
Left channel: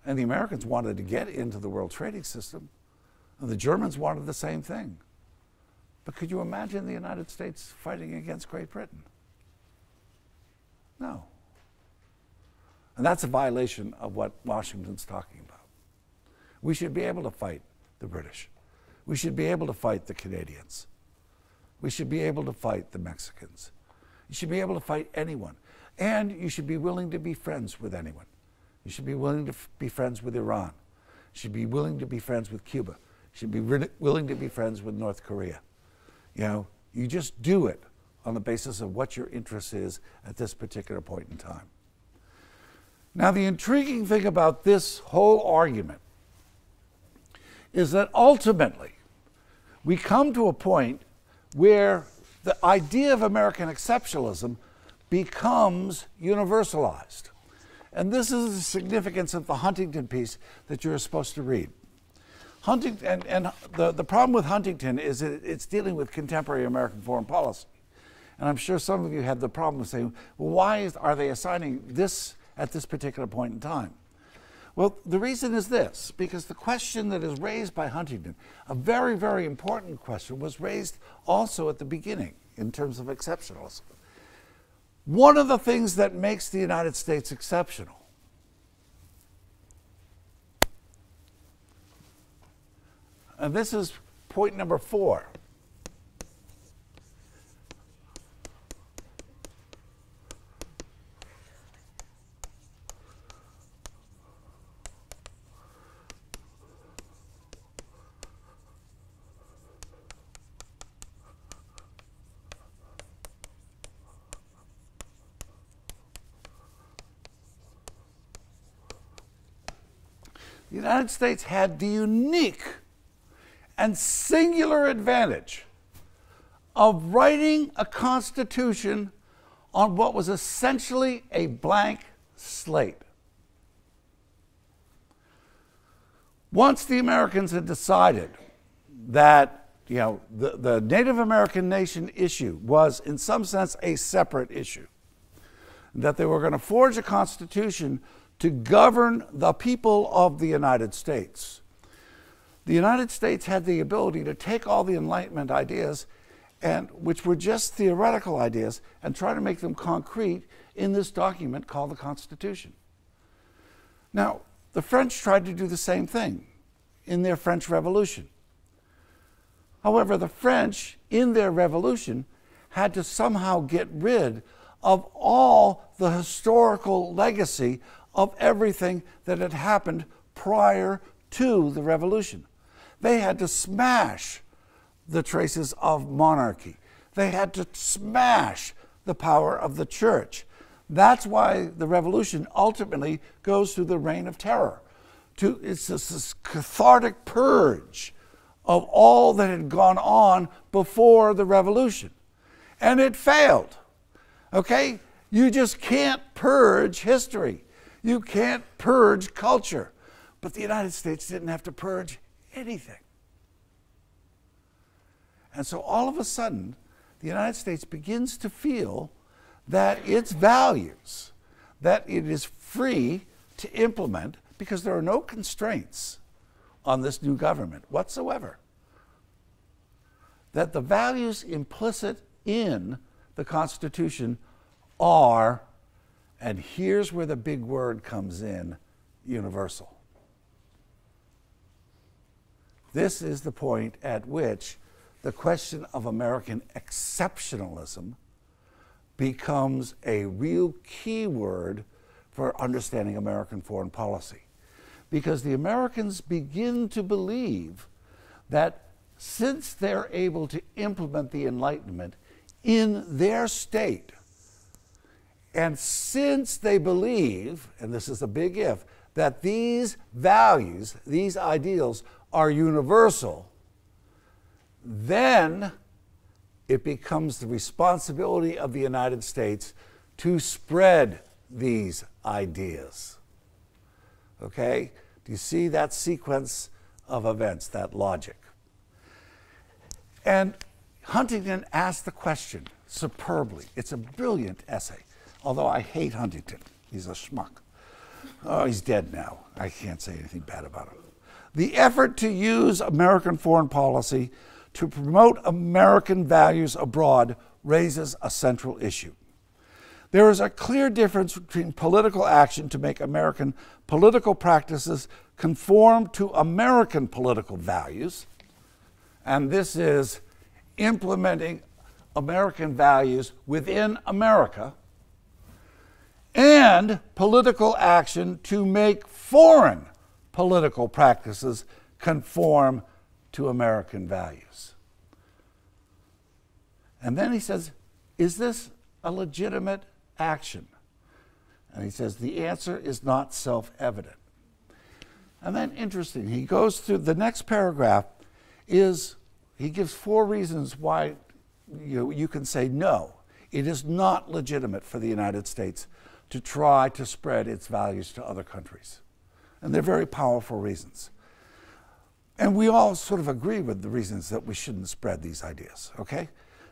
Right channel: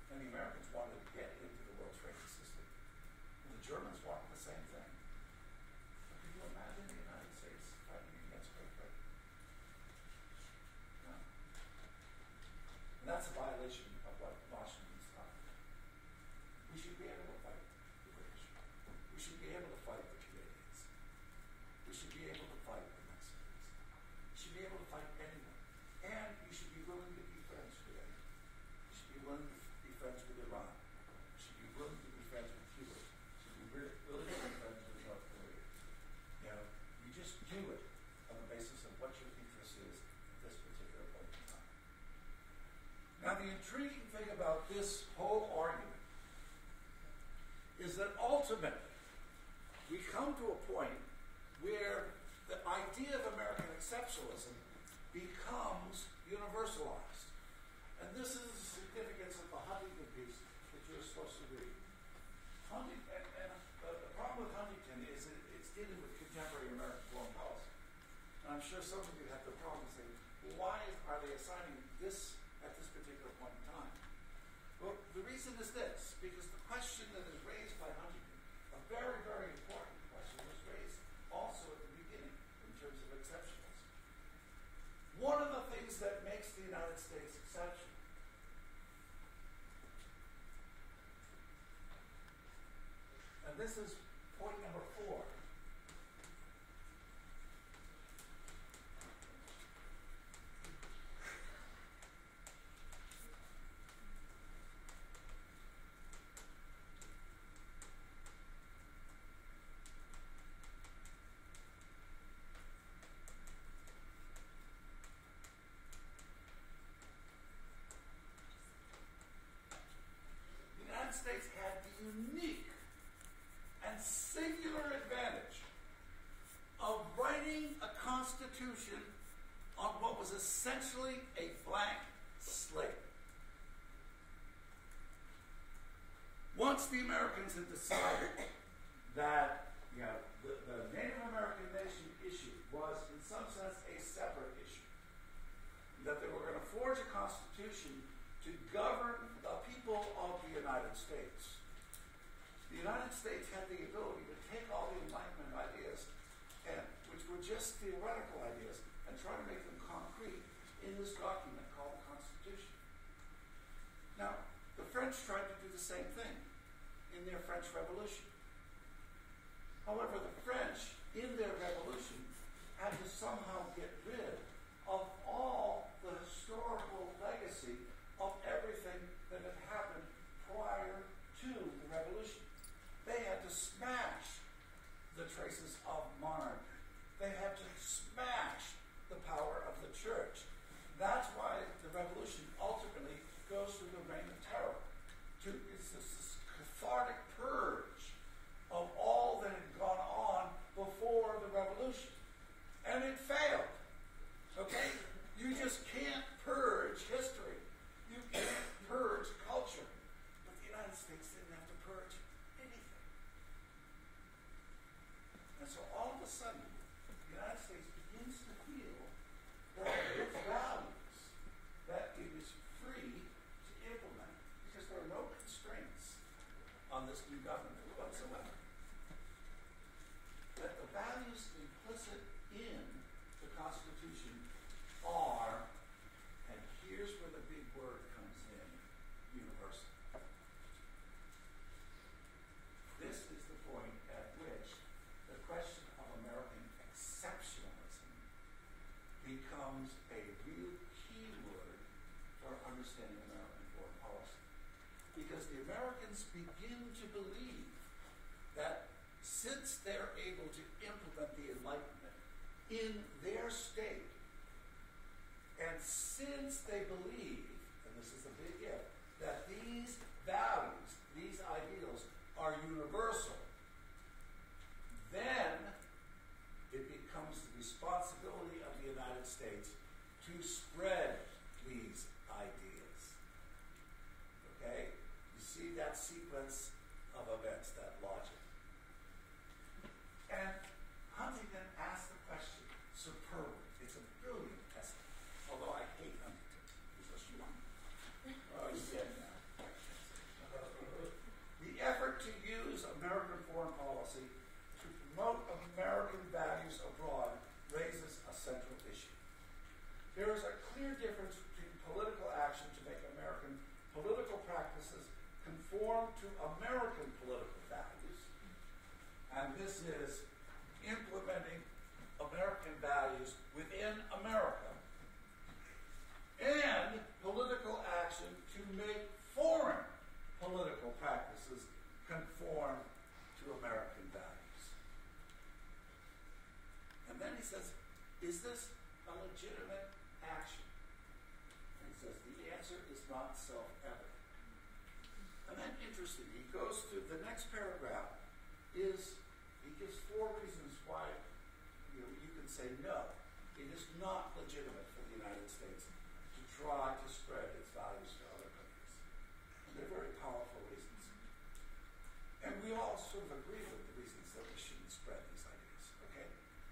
And the Americans wanted to get into the world trading system. And the Germans wanted the same thing. But could you imagine the United States fighting against Great Britain? No. And that's a violation of what Washington's talking about. We should be able to fight the British. We should be able to fight the Canadians. We should be able to fight the Mexicans. You should be able to fight anyone. And you should be willing to be friends with anyone. You should be willing to be friends with Iran. You should be willing to be friends with Cuba. You should be willing to be friends with North Korea. You just do it on the basis of what your interest is at this particular point in time. Now, the intriguing thing about this whole argument is that ultimately we come to a point where the idea of American exceptionalism becomes universalized. And this is the significance of the Huntington piece that you're supposed to read. Huntington, and the problem with Huntington is that it's dealing with contemporary American foreign policy. And I'm sure some of you had the problem of saying, well, why are they assigning this at this particular point in time? Well, the reason is this, because the question that is raised by Huntington, a very, very important question, was raised also at the beginning in terms of exceptionalism. One of the things that makes the United States exceptional and this is point number 4. the United States had the unique and singular advantage of writing a constitution on what was essentially a blank slate. Once the Americans had decided that the Native American nation issue was in some sense a separate issue, that they were going to forge a constitution to govern the people of the United States, the United States had the ability to take all the Enlightenment ideas, and which were just theoretical ideas, and try to make them concrete in this document called the Constitution. Now, the French tried to do the same thing in their French Revolution. However, the French, in their revolution, had to somehow get rid of all the historical legacy of everything that had happened prior to the revolution. They had to smash the traces of monarchy. They had to smash the power of the church. That's why the revolution ultimately goes through the Reign of Terror. It's this cathartic purge of all that had gone on before the revolution. And it failed. Okay? You just can't purge history. You can't purge culture. But the United States didn't have to purge anything. And so all of a sudden, the United States begins to feel that its values, that it is free to implement, because there are no constraints on this new government whatsoever, that the values implicit in the Constitution are, and here's where the big word comes in, universal. This is the point at which the question of American exceptionalism becomes a real key word for understanding American foreign policy. Because the Americans begin to believe that since they're able to implement the Enlightenment in their state, and since they believe, and this is a big if, that these values, these ideals are universal, then it becomes the responsibility of the United States to spread these ideas. Okay? Do you see that sequence of events, that logic? And Huntington asked the question superbly. It's a brilliant essay, although I hate Huntington. He's a schmuck. Oh, he's dead now. I can't say anything bad about him. The effort to use American foreign policy to promote American values abroad raises a central issue. There is a clear difference between political action to make American political practices conform to American political values, and this is implementing American values within America, and political action to make foreign political practices conform to American values. And then he says, is this a legitimate action? And he says, the answer is not self-evident. And then interesting, he goes through, the next paragraph is, he gives 4 reasons why you can say no. It is not legitimate for the United States to try to spread its values to other countries. And they're very powerful reasons. And we all sort of agree with the reasons that we shouldn't spread these ideas, okay?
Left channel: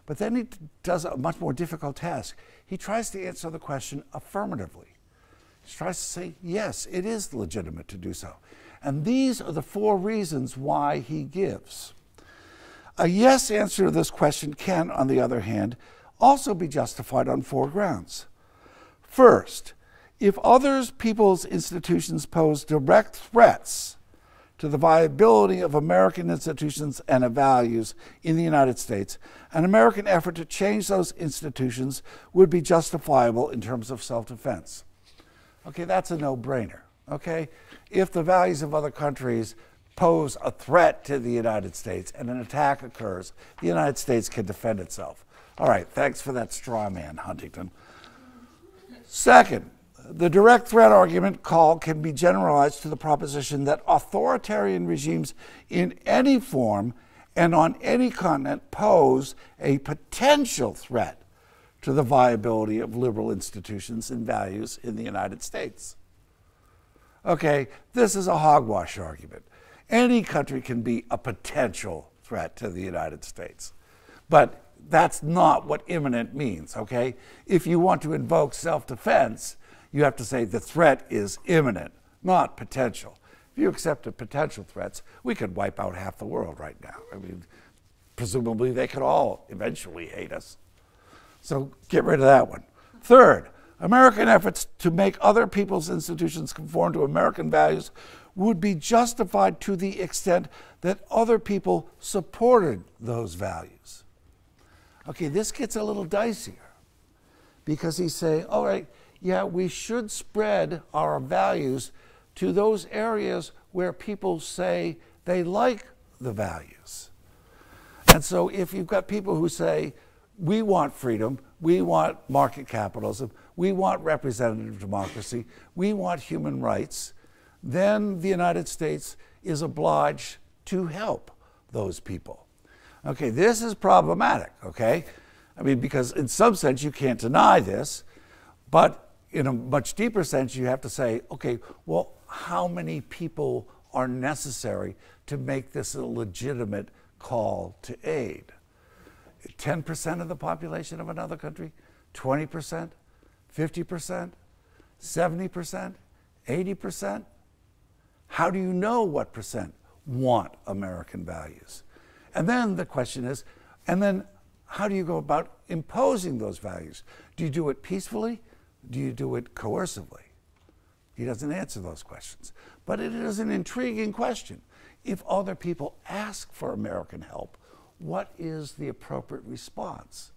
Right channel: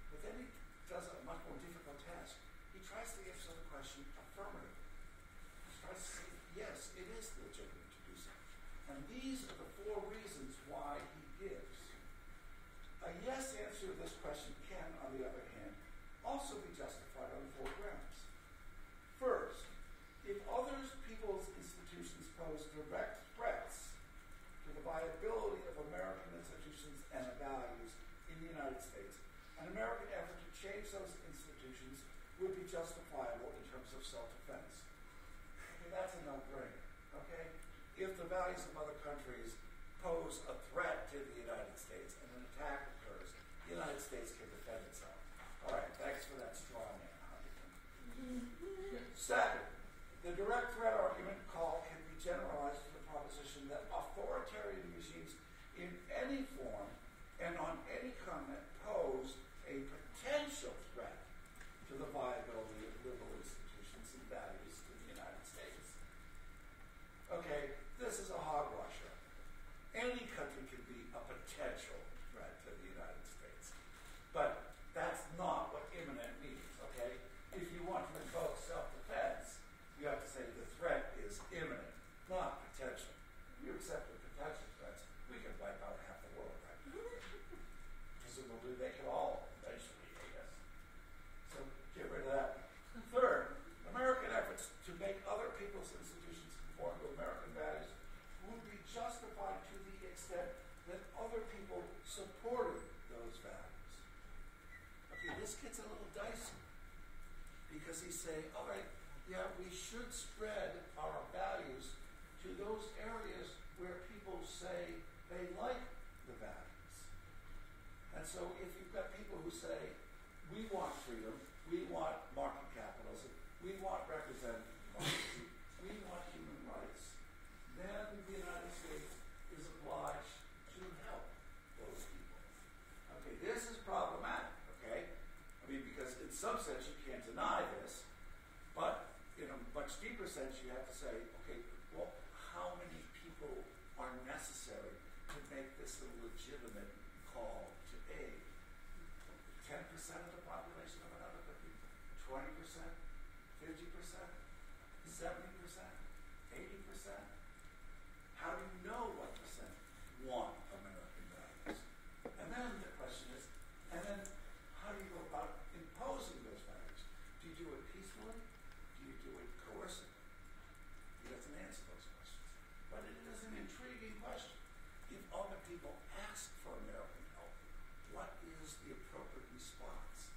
But then he does a much more difficult task. He tries to answer the question affirmatively. He tries to say, yes, it is legitimate to do so. And these are the 4 reasons why he gives. A yes answer to this question can, on the other hand, also be justified on 4 grounds. First, if others, people's institutions pose direct threats to the viability of American institutions and values in the United States, an American effort to change those institutions would be justifiable in terms of self-defense. Okay, that's a no-brainer, okay? If the values of other countries pose a threat to the United States and an attack occurs, the United States can defend itself. All right, thanks for that straw man, Huntington. Second, The direct threat argument call can be generalized to the proposition that authoritarian regimes in any form and on any continent pose a potential threat to the viability of liberal institutions and values in the United States. Okay, this is a hogwash argument. Any country can be a potential threat to the United States. But that's not what imminent means, okay? If you want to invoke self-defense, you have to say the threat is imminent, not potential. If you accepted potential threats, we could wipe out half the world right now. I mean, presumably they could all eventually hate us. So get rid of that one. Third, American efforts to make other people's institutions conform to American values would be justified to the extent that other people supported those values. Okay, this gets a little dicier because he's saying, all right, yeah, we should spread our values to those areas where people say they like the values. And so if you've got people who say, we want freedom, we want market capitalism, we want representative democracy, we want human rights, then the United States is obliged to help those people. Okay, this is problematic, okay? I mean, because in some sense you can't deny this, but in a much deeper sense you have to say, okay, well, how many people are necessary to make this a legitimate call to aid? 10% of the population of another country? 20%? 50%? 70%? 80%? How do you know what percent want American values? And then the question is, and then how do you go about imposing those values? Do you do it peacefully? Do you do it coercively? He doesn't answer those questions. But it is an intriguing question. If other people ask for American help, what is the appropriate response?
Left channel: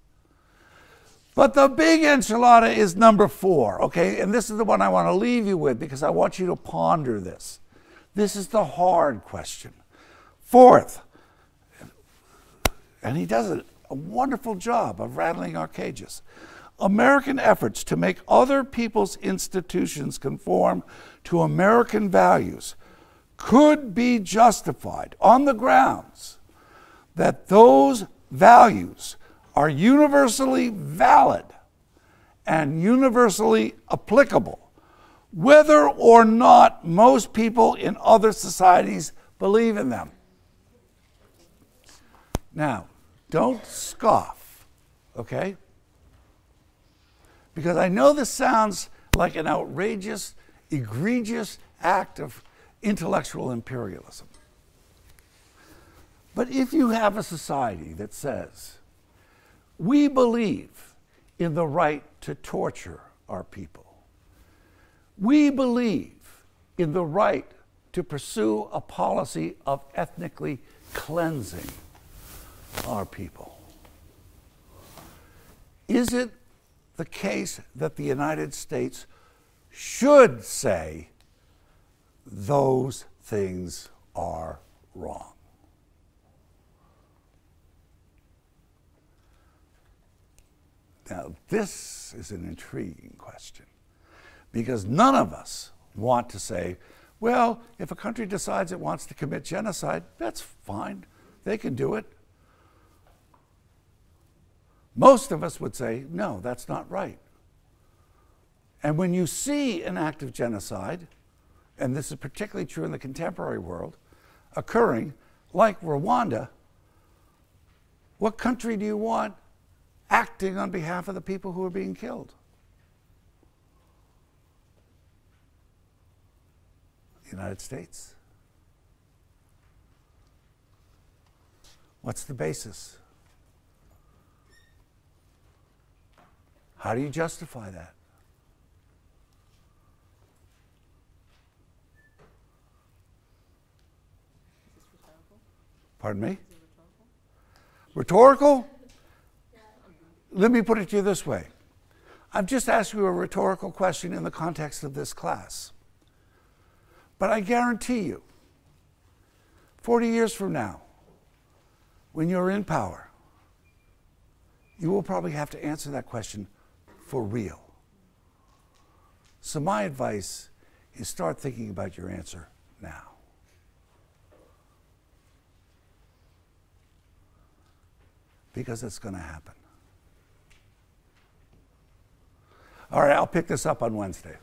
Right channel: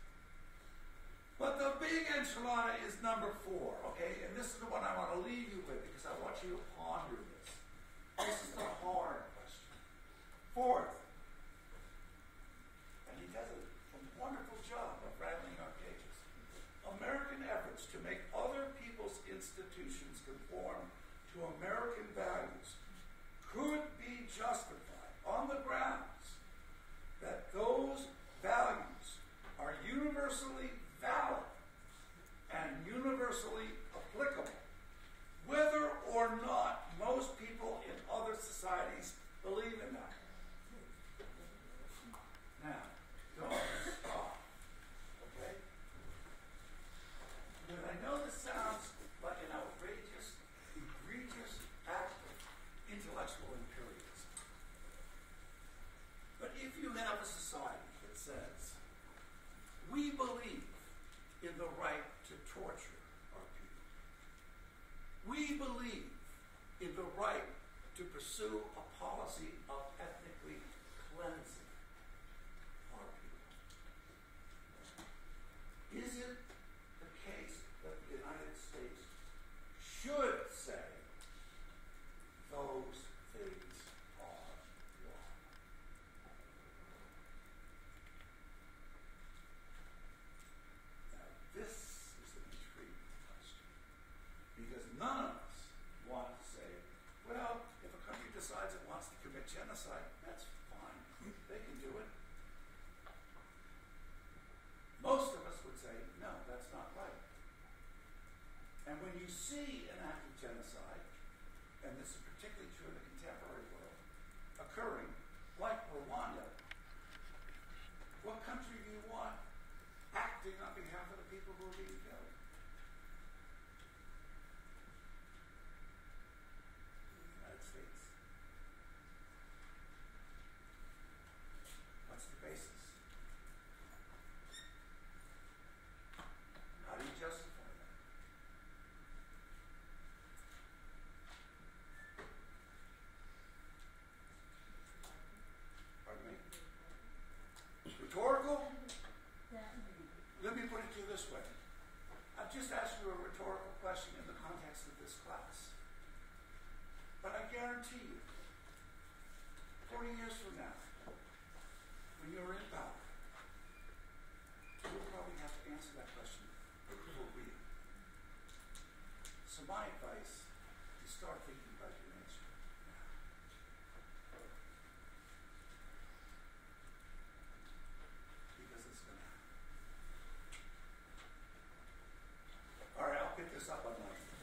But the big enchilada is number 4, okay? And this is the one I want to leave you with because I want you to ponder this. This is the hard question. Fourth, and he does a wonderful job of rattling our cages. American efforts to make other people's institutions conform to American values could be justified on the grounds that those values are universally valid and universally applicable, whether or not most people in other societies believe in them. Now, don't scoff, okay? Because I know this sounds like an outrageous, egregious act of intellectual imperialism. But if you have a society that says, we believe in the right to torture our people, we believe in the right to pursue a policy of ethnically cleansing our people, is it the case that the United States should say those things are wrong? Now, this is an intriguing question because none of us want to say, well, if a country decides it wants to commit genocide, that's fine. They can do it. Most of us would say, no, that's not right. And when you see an act of genocide, and this is particularly true in the contemporary world, occurring, like Rwanda, what country do you want acting on behalf of the people who are being killed? The United States. What's the basis? How do you justify that? Pardon me? Rhetorical? Let me put it to you this way. I've just asked you a rhetorical question in the context of this class. But I guarantee you, 40 years from now, when you're in power, you will probably have to answer that question for real. So my advice is start thinking about your answer now. Because it's going to happen. All right, I'll pick this up on Wednesday.